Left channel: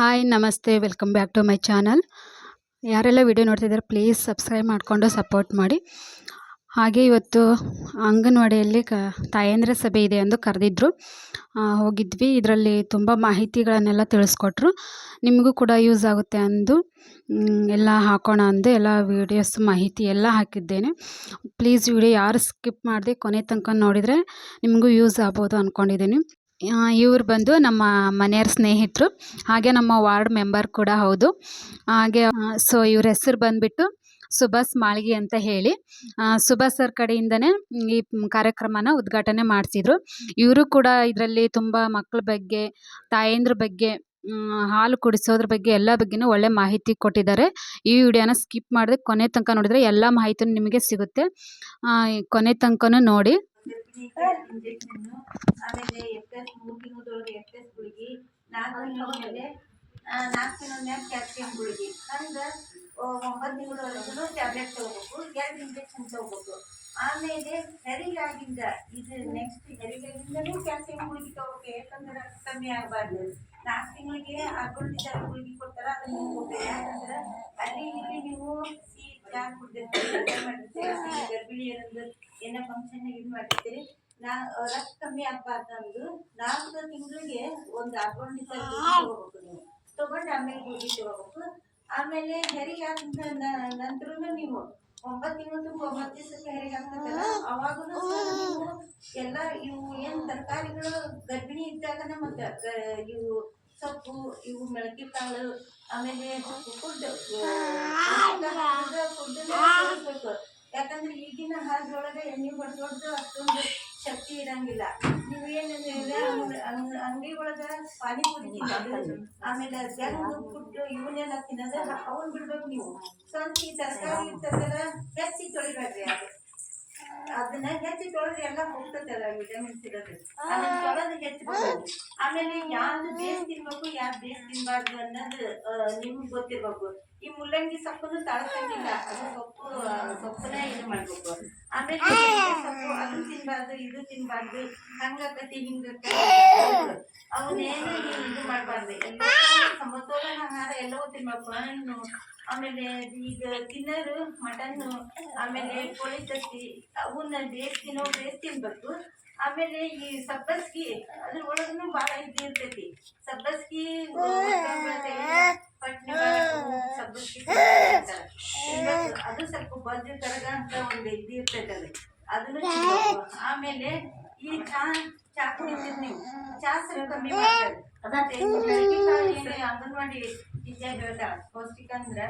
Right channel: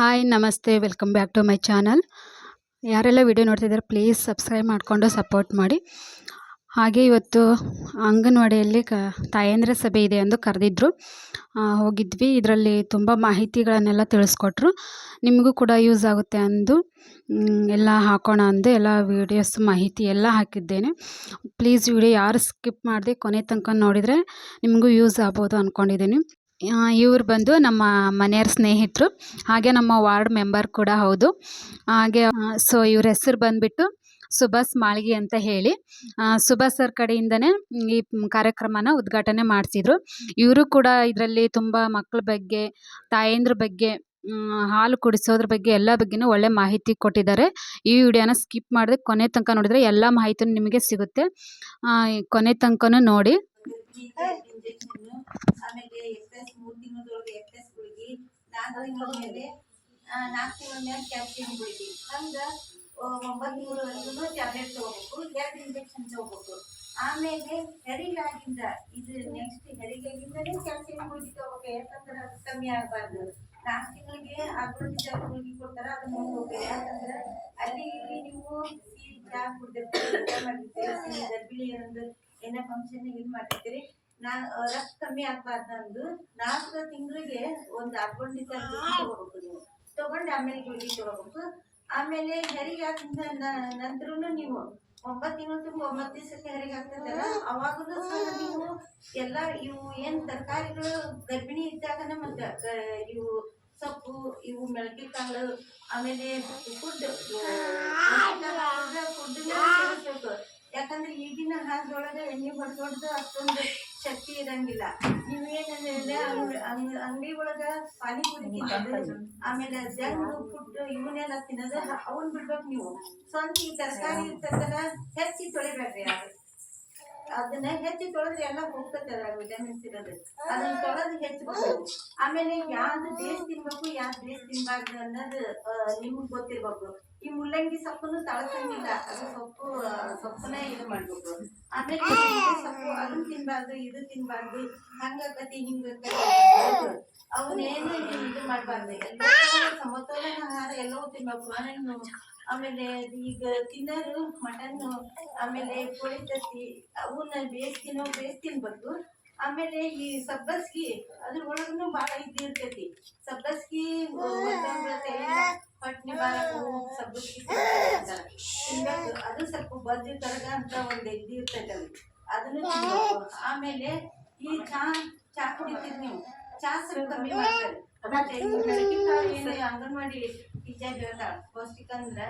Hi ನಮಸ್ತೆ welcome back to my channel. ಯಾರೆಲ್ಲ video ನೋಡ್ತಿದ್ದಾರೆ ಪ್ಲೀಸ್ ಸಬ್ಸ್ಕ್ರೈಬ್ ಮಾಡಿಕೊಂಡು ಸಪೋರ್ಟ್ ಮಾಡಿ. ಹಾಗೆ ಇವತ್ತು ಅಂಗನವಾಡಿಯಲ್ಲಿ ತಾಯಂದಿರ ಸಭೆ ಇದೆ ಎಂದು ಕರೆದಿದ್ದರು. ಹೋಗಿದ್ವಿ. ಇದರಲ್ಲಿ ತುಂಬ ಮಾಹಿತಿಗಳನ್ನೆಲ್ಲ ತಿಳಿಸ್ಕೊಟ್ರು. ನಿಮಗೂ ಕೂಡ ಯೂಸ್ ಆಗುತ್ತೆ ಅಂದು ಎಲ್ಲ ಹಾಕೋಣ ಅಂದು ಎಲ್ಲ ವೀಡಿಯೋಸ್ ಮಾಹಿತಿ ಎಲ್ಲ ಹಾಕಿದ್ದೇನೆ. ಪ್ಲೀಸ್ ವಿಡಿಯೋ ಯಾರು ಸ್ಕಿಪ್ ಮಾಡದೆ ಕೊನೆ ತನಕ ನೋಡಿದರೆ ನಿಮಗೂ ಯೂಸ್ ಆಗ್ಬೋದು ಅಂದ್ಕೊಂಡಿದ್ದೀನಿ. ಇವ್ರು ಬಂದು ನಮ್ಮ ಮನೆಯವ್ರ ಸ್ನೇಹಿತರು, ಹಾಗೆ ನಮ್ಮ ವಾರ್ಡ್ ಮೆಂಬರ್ ಕೂಡ ಹೌದು. ಹಾಗೆ ಸೊ ಇವ್ರ ಹೆಸರು ಬಂದುಬಿಟ್ಟು ಸುಭಾಷ್ ಮಾಳ್ಗಿ ಅಂತ ಹೇಳಿ. ಸುಭಾಷ್ ಸರ್ ಕಡೆಯಿಂದನೇ ಈ ಕಾರ್ಯಕ್ರಮನ ಉದ್ಘಾಟನೆ ಮಾಡಿಸಿದ್ರು. ಇವರು ಕೂಡ ಇದರಲ್ಲಿ ತುಂಬ ಮಕ್ಕಳ ಬಗ್ಗೆ, ತಾಯಂದ್ರ ಬಗ್ಗೆ, ಹಾಲು ಕುಡಿಸೋದ್ರ ಬಗ್ಗೆ ಎಲ್ಲ ಬಗ್ಗೆನೂ ಒಳ್ಳೆ ಮಾಹಿತಿ ಕೊಟ್ಟಿದ್ದಾರೆ. ಈ ವಿಡಿಯೋನ ಸ್ಕಿಪ್ ಮಾಡಿದ್ರೆ ಕೊನೆ ತನಕ ನೋಡಿದರೆ ಎಲ್ಲ ಮಾಹಿತಿನೂ ನಿಮಗೆ ಸಿಗುತ್ತೆ. ಕೊನೆ ತನಕನೂ ನೋಡಿ. ಇಂಜೆಕ್ಷನ್ನು, ಆಮೇಲೆ ಎಫ್ಎಸ್ 3 ತಿಂಗಳದೊಳಗೆ ಎಫ್ಎಸ್ ಗುಳಿಗೆ, 4 ತಿಂಗಳ ಮೇಲೆ 4 ತಿಂಗಳ ಮೇಲೆ ಕ್ಯಾಲ್ಸಿಯಂ ಗುಳಿಗೆ, ಹಂಗೆ 9 ತಿಂಗಳವರೆಗೂ ಟ್ಯಾಬ್ಲೆಟ್ ತಗೋಬೇಕು, 2 ಇಂಜೆಕ್ಷನ್ ತಗೋಬೇಕು. ಆಮೇಲೆ ಹೆರಿಗಾಗಿಂದ ಇದು ನೆಕ್ಸ್ಟ್ ಹೆರಿಗಾಗಿಂದನೂ ಕ್ಯಾಲ್ಸಿಯಂ ಗುಳಿಗೆ ತಗೋಬೇಕು, ಯಾಕಂದ್ರೆ ಕಮ್ಮಿ ಆಗಬಾರ್ದು. 4 ತಿಂಗಳಿಗೆ ಆಗೋದಿದ್ದ ಗುಳಿಗೆ ಕೊಡ್ತಾರೆ, ಅದನ್ನ ಹೋಗ್ಬೇಕು. ಯಾಕಂದ್ರೆ ಅಲ್ಲಿ ಇಲ್ಲಿ ನೀವು ಸಿಹಿ ಚಹಾ ಮಾಡಿರ್ತೀರಿ, ಗರ್ಭಿಣಿಯರೊಂದು ಏನೋ ಫಂಕ್ಷನ್ ಇದು ಮಾಡಿರ್ತೀರಿ, ರಕ್ತ ಕಮ್ಮಿ ಆಗ್ಬಾರ್ದು ಅಂದು 4 ತಿಂಗಳಿಗೆ ಒಂದು ಅಡ್ವಾಂಟೇಜ್ ತಗೋಬೇಕು. ನೀವು ತಗೊಂಡು ಆಮೇಲೆ ಗುಳಿಗೆ ತಗೋಬೇಕು. ಆಮೇಲೆ ಹೆರಿಗೆ ಆಗಿದ ನಂತರ ನೀವು 9 ತಿಂಗಳು ತುಂಬ 9 ದಿವಸಕ್ಕೆ ಹೆರಿಗೆ ಆಗ್ತದಲ್ಲ, ಅವಾಗೂ ನೀವು ಎಲ್ಲ ಇವು ಏನು ತರಕಾರಿಗಳು ಗರ್ಭಿಣಿ ಇದ್ದಾಗನೇ ಮತ್ತು ಇವು ಸೊಪ್ಪು, ಇವು ಮೆಳಕೆ ಕಾಳು, ಆಮೇಲೆ ಫುಡ್ ಸೇರಿಸ್ಬೇಕು. ಯಾಕಂದ್ರೆ ಈಗಿನ ಹಾಲದೊಳಗೆ ಎಣ್ಣೆ ಹೊಡೆದು ಅಷ್ಟೊಂದು ಶಕ್ತಿ ಇರಂಗಿಲ್ಲ. ನೀವೇನಂದ್ರೆ ಅಂಗಡಿ ಒಳಗ ಪಾನಿಪುರಿ ತಿನ್ನೋದು, ಆಮೇಲೆ ಜಂಕ್ ಫುಡ್ ಇವನ್ನೆಲ್ಲ ತಿನ್ನೋದು ಅವನ್ ಬಿಡ್ಬೇಕು. ನೀವು ಸ್ವಂತ ಈ ತರಕಾರಿ ಇರ್ತದಲ್ಲ ಹೆಚ್ಚಿ ತೊಳಿಬೇಡ್ರಿ. ಅದನ್ನ ಹೆಚ್ಚಿ ತೊಳೆದ್ರೆ ಎಲ್ಲ ಹೋಗ್ತದಲ್ಲ ವಿಟಮಿನ್ಸ್ ಇರೋದು, ಅದನ್ನ ತೊಳೆದು ಹೆಚ್ಚಬೇಕು. ಆಮೇಲೆ ಯಾವ್ದು ಬೇಸ್ ತಿನ್ಬೇಕು, ಯಾವ್ದು ಬೇಸ್ ತಿನ್ಬಾರ್ದು ಅನ್ನೋದು ನಿಮ್ಗೆ ಗೊತ್ತಿರ್ಬೇಕು. ಈ ಮುಲ್ಲಂಗಿ ಸೊಪ್ಪನ್ನು ತಳಸಂಗಿಲ್ಲ, ಅದು ಸೊಪ್ಪನ್ನ ಇದು ಮಾಡ್ಬೇಕು. ಆಮೇಲೆ ಸೊಪ್ಪು ಅದನ್ನು ತಿನ್ಬಾರ್ದು, ಇದು ತಿನ್ಬಾರ್ದು, ಹಂಗಾಕತಿ ಹಿಂಗತಿ ಅವನ್ನೇನು ಇದು ಮಾಡ್ಬಾರ್ದು. ಎಲ್ಲ ಸಮತೋಲನ ಆಹಾರ ಎಲ್ಲವೂ ತಿನ್ಬೇಕು. ಹಣ್ಣು, ಆಮೇಲೆ ಈಗ ತಿನ್ನೋರು ಮಟನ್ನು, ಆಮೇಲೆ ಕೋಳಿ ತತ್ತಿ, ಅವನ್ನ ಬೇಸ್ ತಿನ್ಬೇಕು. ಆಮೇಲೆ ಈ ಸಬ್ಬಸ್ಗಿ ಅದ್ರ ಒಳಗೂ ಭಾಳ ಇದು ಇರ್ತೈತಿ. ಸಬ್ಬಸ್ಗಿ ಪಟ್ನಿ ಸಬ್ಬಸ್ಗಿ ತಿನ್ಬೇಕು. ಅದು ಸ್ವಲ್ಪ ಬಜ್ಜು ಕರಗ ಅಂತ ಒಂದು ಇದು ಇರ್ತೈತೆ, ಅದನ್ನು ತಿನ್ಬೇಕು. ಆಮೇಲೆ ಈ ಚಾ ಕುಡಿತೀರಿ ನೀವು, ಚಾ ಸ್ವಲ್ಪ ಕಮ್ಮಿ ಮಾಡ್ತಾರೆ. ಮತ್ತೆ ಬೆಳಗ್ಗೆ ಕಾಳು ಏನು ಅಂಗನವಾಡಿ ಟೀಚರ್ ಹೇಳ್ತಾಳೆ, ಪೌಷ್ಟಿಕ ಅಂದ್ರೆ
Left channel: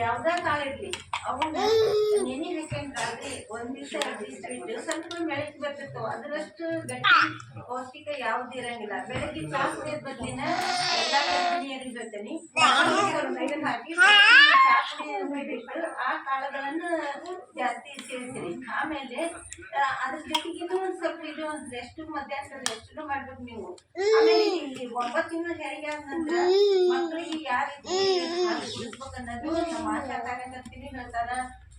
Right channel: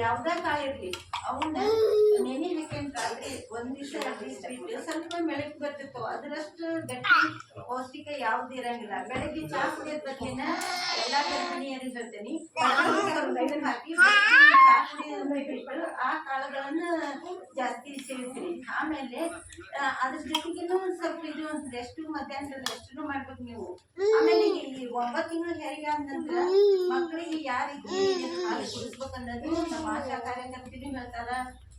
ಯಾವ್ದೇ ಕಾಳು ಇರ್ಲಿ ಅವನ್ನ ನೆನೆ ಹಾಕೊಂಡ್ರೆ 1 ದಿವಸ 2 ದಿವಸ ಬಿಟ್ಟು ಸ್ವಲ್ಪ ಮೆಳಕಿ ಬರ್ತಿರ್ತಾವ, ಅದರಷ್ಟು ಗಟ್ಟಿ ಪೌಷ್ಟಿಕ ಯಾವ್ದು ಇರಂಗಿಲ್ಲ. ಬೆಳಗ್ಗೆ ಚಾ ಕುಡಿಯೋದ್ ಬದ್ಲಿನ ಎಲ್ಲ ಗರ್ಭಿಣಿಯರಿಗೆ ಹೇಳ್ತೇನೆ, ಹಾಕಿ ಚಾ ಕುಡಿಯೋದ್ ಬಿಟ್ಟು ಆ ಕಾಳುಗಳನ್ನು ಜಾಸ್ತಿ ಸೇರಿಸ್ತೀನಿ. ಆಮೇಲೆ ಅದ್ರ ಜೊತೆಗಿನ್ನೂ ಸ್ವಲ್ಪ ಇದು ರೆಸ್ಟ್, ಮಧ್ಯಾಹ್ನದ ರೆಸ್ಟನ್ನು ಮಾಡ್ಬೇಕು ನೀವು. ಆಮೇಲೆ ಇಲ್ಲಿ 9 ತಿಂಗಳು ಹೆರಿಗೆ ಆದ ನಂತರ ಮಕ್ಕಳಿಗೆ ಯಾವ ರೀತಿ ಹಾಲು ಕುಡಿಸ್ಬೇಕನ್ನೋದು ನಮ್ಮ ಆಶಾ ಕಾರ್ಯಕರ್ತರು ಹೇಳ್ತಾರ,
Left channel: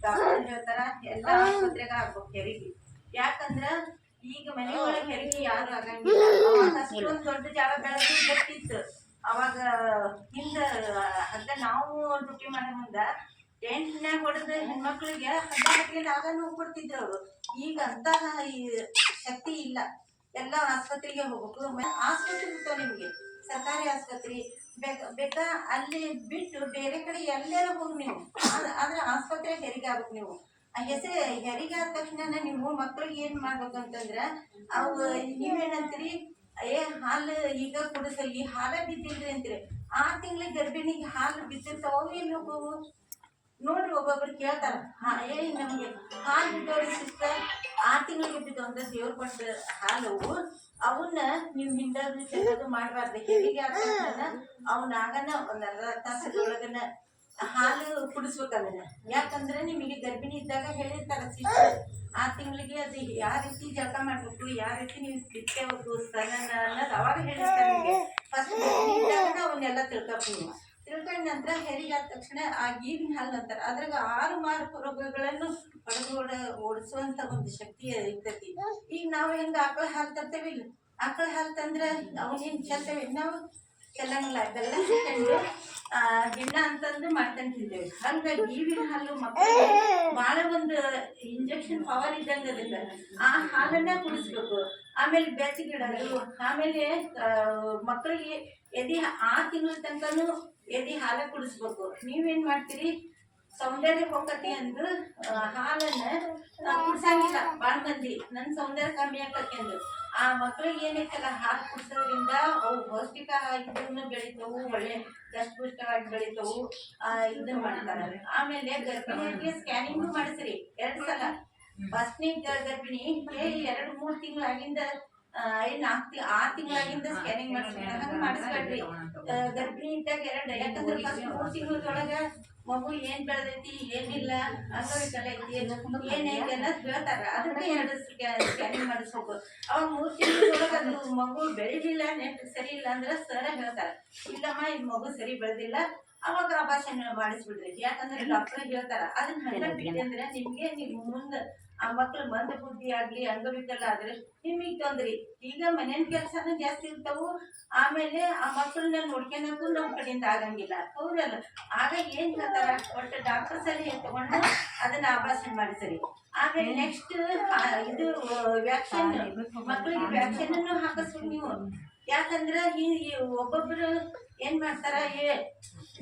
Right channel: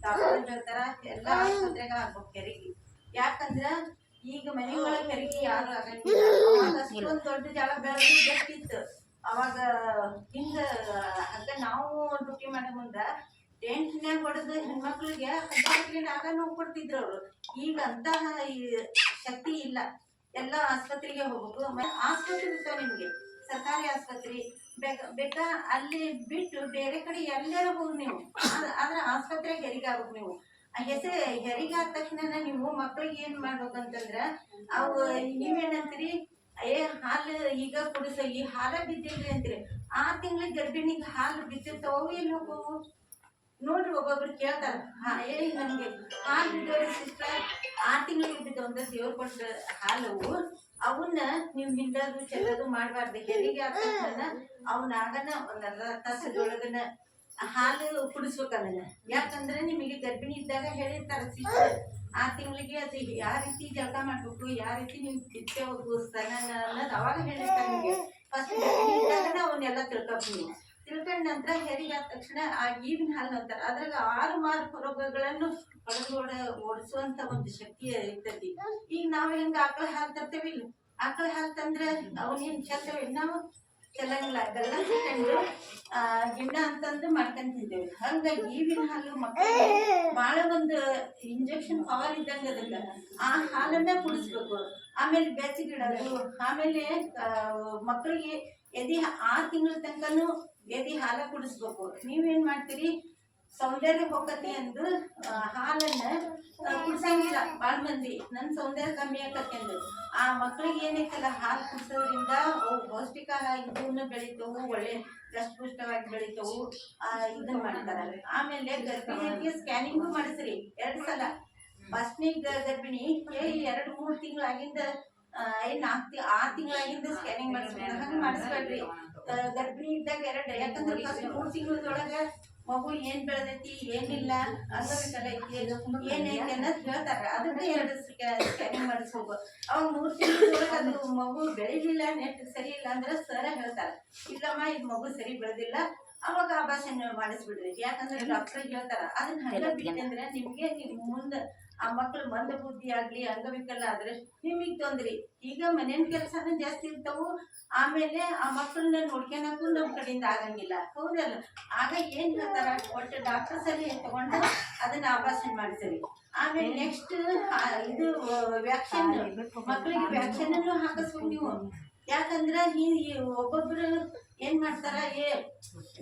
ಡಾಕ್ಟರ್ ಹೇಳ್ತಾರ. ಎಲ್ಲ ಆಸ್ಪತ್ರೆಗೆ ಆಗ್ಬೇಕು ಹೆರಿಗೆ. ಯಾಕಂದ್ರ ಈಗ ಮನೆ ಒಳಗೆ ಹೆರಿಗೆ ಯಾರು ಆಗಂಗಿಲ್ಲ. ಅವಾಗ ಅಷ್ಟೊಂದು ದೊಡ್ಡ ಜಾಗ ಬೆಳೆದು ಗೊತ್ತಿತ್ತು. ಅವಾಗ ಹಿಂಗ ಅಂತ ನಾವು ಡ್ಯೂಟಿ ಮಾಡೋ ಮುಂದ ಟೆಂಟ್ನ್ಯಾಗ ಹೊಡೆದು ಹೆಣ್ಮಕ್ಳಿಗೆ 14 ಆಗ ನೋವು ಕೊಡ್ತಿದ್ರು ಅವರು. ಈಗ ಅಂತಹ ಶಕ್ತಿ ಇಲ್ಲ. ಎಲ್ಲ ಆಸ್ಪತ್ರೆಗೆ ಹೋಗ್ಬೇಕು. ಆಸ್ಪತ್ರೆ ಇರ್ತಾವ ನಿಮ್ಗೆ, ಸರ್ಕಾರಿ ಆಸ್ಪತ್ರೆ ಬೇಕಾ ಅಲ್ಲಿ ಬಿಟ್ಟು ಬೇರೆ ಕಡೆ ಎಲ್ಲಾರ ಹೋಗಿ ನೀವು, ಆದ್ರೆ ಆಸ್ಪತ್ರೆಗೆ ಹೆರಿಗೆ ಆಗ್ಬೇಕು ನೀವು. ಆ ಹೆಸರು ಹೆರಿಗೆ ಆದ ತಕ್ಷಣ ನೀವು ಮಕ್ಕಳಿಗೆ ಏನ್ ಮಾಡ್ಬೇಕಂತಂದ್ರ, ಅವು ನೀವೇನಂತೀರಿ, ಹಾಲು ಈಗ ಕುಡಿಸ, ಈ ಹಾಲ ಬಿದ್ದಿಲ್ರಿ ಅಂತೀರಿ. 6 ತಿಂಗಳಿಗೆ ಗರ್ಭಿಣಿಗೆ ಹಾಲು ಬಿದ್ದಿರ್ತಾವ, ಎಲ್ಲಿ ಹೋಗವು ನೋಡ್ರಿ. ಒಬ್ಬೊಬ್ರು ಕೇಳ್ತಾರ, ನಮ್ಗೆ ಹಾಲು ಬಿದ್ದವ್ರಿ ಸಿಸ್ಟರ್, 6 ತಿಂಗಳಿಗೆ ಬಿದ್ದವು ಅಂತ ದೇವ್ರು ಕೊಟ್ಟ ಹಾಲು, ಅವನ್ನ ನೀವು ಹಿಂಡೋದು ಚೆಲ್ಲೋದು ಮಾಡಬಾರ್ದು. ಹೆರಿಗೆ ಆದ ತಕ್ಷಣ ಅವನ್ನ ಆಗನ ಒಂದು ಅರ್ಧ ತಾಸದೊಳಗನ ಹಾಲು ಕುಡಿಸ್ಬೇಕು ಅದನ್ನ. ಯಾಕಂದ್ರೆ ನಿಮಗೆ ಗರ್ಭಿಣಿ ಇದ್ದಾಗ ಹೇಳಿರ್ತಾರ ಸಿಸ್ಟರ್, 6 ತಿಂಗಳಿಗೆ ಅದು ಯಾವ ರೀತಿ ಜಳಕ ಮಾಡ್ಬೇಕು, ಯಾವ ರೀತಿ ನೀವು ಬಿತ್ತಬೇಕು ಸ್ತನ ಅನ್ನೋದು ಅವಾಗ ಹೇಳಿರ್ತಾರೆ ನಿಮಗೆ. ಫಸ್ಟ್ ಗರ್ಭಿಣಿ ಇದ್ದಾಗ ಅವನ್ನೆಲ್ಲ ತಿಳ್ಕೊಂಡು ತಿಳ್ಕೊಂಡ ನಂತರ ಹೆರಿಗೆ ಆದ ತಕ್ಷಣ ಆ ಈಗಿನ ಹಾಲು ಅಂತಾರೆ, ಅದ್ರಾಗ 6 ಮಾರು ರೋಗಗಳನ್ನು ಓಡಿಸುವಂತ ಒಂದು ಶಕ್ತಿ ಇರ್ತೈತಿ. ಈಗ ನಾವು ಹೆಂಗ ಆಕಳ ಹಾಲು ತರ್ತೇವಿ, ಆಕಳ ಹಾಲು ತಂದ್ರೆ ಅವನೇನ್ ಚೆಲ್ತೇವೆ ನಾವು, ಚೆಲ್ಲಂಗಿಲ್ಲ, ಬೆಲ್ಲ ಸಿಕ್ಕೊಂಡು ಗಿಣ್ಣ ಅಂತಂದು ಮಾಡ್ಕೊಂಡು ತಿಂತೇವೆ. ಹಂಗಾಗಿ ಈವಿನ ಹಾಲು ಮಕ್ಕಳಿಗೆ ಭಾಳ ಒಂದು ಇಂಜೆಕ್ಷನ್ ಪವರ್ ಇದ್ದಂಗೆ ಅದಕ್ಕೆ. ಆ ಹಾಲನ್ನ ಕುಡಿಸ್ಬೇಕು. ಆಮೇಲೆ ಬೆಚ್ಚಗಿಡೋದು. ಆಮೇಲೆ ಮಕ್ಕಳಿಗೆ ಎದೆ 6 ತಿಂಗಳ ತನಕನೂ ಎದೆ ಹಾಲ ಕುಡಿಸ್ಬೇಕು. ನೀವೇನು ಮಾಡ್ತೀರಿ, ಸೌಂದರ್ಯ ಹೋಗತಿ ಅಂದು ಹಾಲನ್ನ ಕುಡ್ಸಂಗಿಲ್ಲ ಭಾಳ ಮಂದಿ. ನನ್ನ ಸೌಂದರ್ಯ ಕಮ್ಮಿ ಆಕತ್ತೆಂದು ಆ ಮಕ್ಳಿಗೆ ಏನೈತಲ್ಲ ಹಾಲು ಕುಡ್ಸೋದ್ರಿಂದ ಅವು ಪೌಷ್ಟಿಕ ಇದನ್ನು ಬೆಳಿತಾವು, ಒಳ್ಳೆ ದಷ್ಟಪುಷ್ಟವಾಗಿ ಬೆಳಿತಾವು. ಇದನ್ನ ಮಾಡ್ತಾರೆ. ಆಮೇಲೆ ಗರ್ಭಿಣಿಯರಿಗೆ ಸ್ಕ್ಯಾನಿಂಗು ಮಾಡಿಸ್ರಿ 2 ಸಲ. ಫಸ್ಟ್ನೇ ಗರ್ಭಿಣಿ 2-3 ತಿಂಗಳಾಗಿಂದ 6 ತಿಂಗಳಾಗಿಂದ ಸ್ಕ್ಯಾನಿಂಗ್ ಮಾಡಿಸ್ಬೇಕು. ಹಂಗೆ ಮಾಡಿಸ್ಬೇಡ್ರಿ. ಗರ್ಭಿಣಿ ಇದ್ದಾಗ 2, ಯಾಕಂದ್ರೆ ಫಸ್ಟ್ 3 ತಿಂಗಳದೊಳಗೆ ಮಗು ಏನ್ ಬೆಳೆದೈತಿ ಏನಿಲ್ಲ ಅಂಗವಿಕಲ ಐತಿ ಏನೈತಿ ಅನ್ನೋದು ಹೇಳ್ತಾರ. ಅದಕ್ಕೆ 2 ಸ್ಕ್ಯಾನಿಂಗ್ ಮಾಡಿಸ್ಬೇಕು. ಅವಾಗ 3 ತಿಂಗಳೊಳಗೆ ಅದು ಮಗು ಬೆಳಿಲಿಲ್ಲ, ನೆಟ್ ಸರಿ ಇಲ್ಲ ಅಂದ್ರೆ ಸರ ಹೇಳ್ತಾರ, ಇಲ್ಲಮ್ಮ ಇದು ಮಗು ಸರಿ ಬೆಳೆದಿಲ್ಲ, ಅವಾಗ ಅಭಾಷಣ ಮಾಡಿಸ್ಬಿಡ್ರಿ. ಯಾಕಂದ್ರೆ ಡಾಕ್ಟರ್ ಹೇಳ್ತಾರ. ಅದನ್ನ ಹಂಗ ಬಿಟ್ಟೆ ಅಂದ್ರೆ ನಿಮ್ಗೆ ಮುಂದೆ ಆ ಮಕ್ಳು ಮಂದ ಬುದ್ಧಿ ಆಗ್ಲಿ ಅಂಗವಿಕಲ ಆದ್ರೆ ನಿಮಗ್ ತೊಂದ್ರಿ. ಈಗ ಮನೇನ್ ಕೆಲ್ಸನೂ ಜಾಸ್ತಿ ಇರ್ತಾವು. ಆಮೇಲೆ ಆ ಮಕ್ಕಳನ್ನ ನೋಡ್ಕೊಳಕ್ಕೂ ನಮ್ ಕಡೆಯಿಂದ ಆಗಂಗಿಲ್ಲ, ಹೌದಲ್ಲ? ಆಗ ಏನ್ ಹೇಳ್ತಾರ, ಒಟ್ಟು ಡಾಕ್ಟರ್ ಸರಿ ತಗೊಂಡು ಅದನ್ನ ಆಭಾಷಣ ಮಾಡಿಸರಿ. ಆಮೇಲೆ ನೆಕ್ಸ್ಟ್ ಇದು ವ್ಯಾಕ್ಸಿನ್, ಮಕ್ಕಳಿಗೆ ವ್ಯಾಕ್ಸಿನ್ ಅನ್ನು ಹಾಕಿಸ್ಬೇಕು ನೀವು. ಯಾಕಂದ್ರ ಒಬ್ಬೊಬ್ರು ಏನ್ ಮಾಡ್ತಾರ,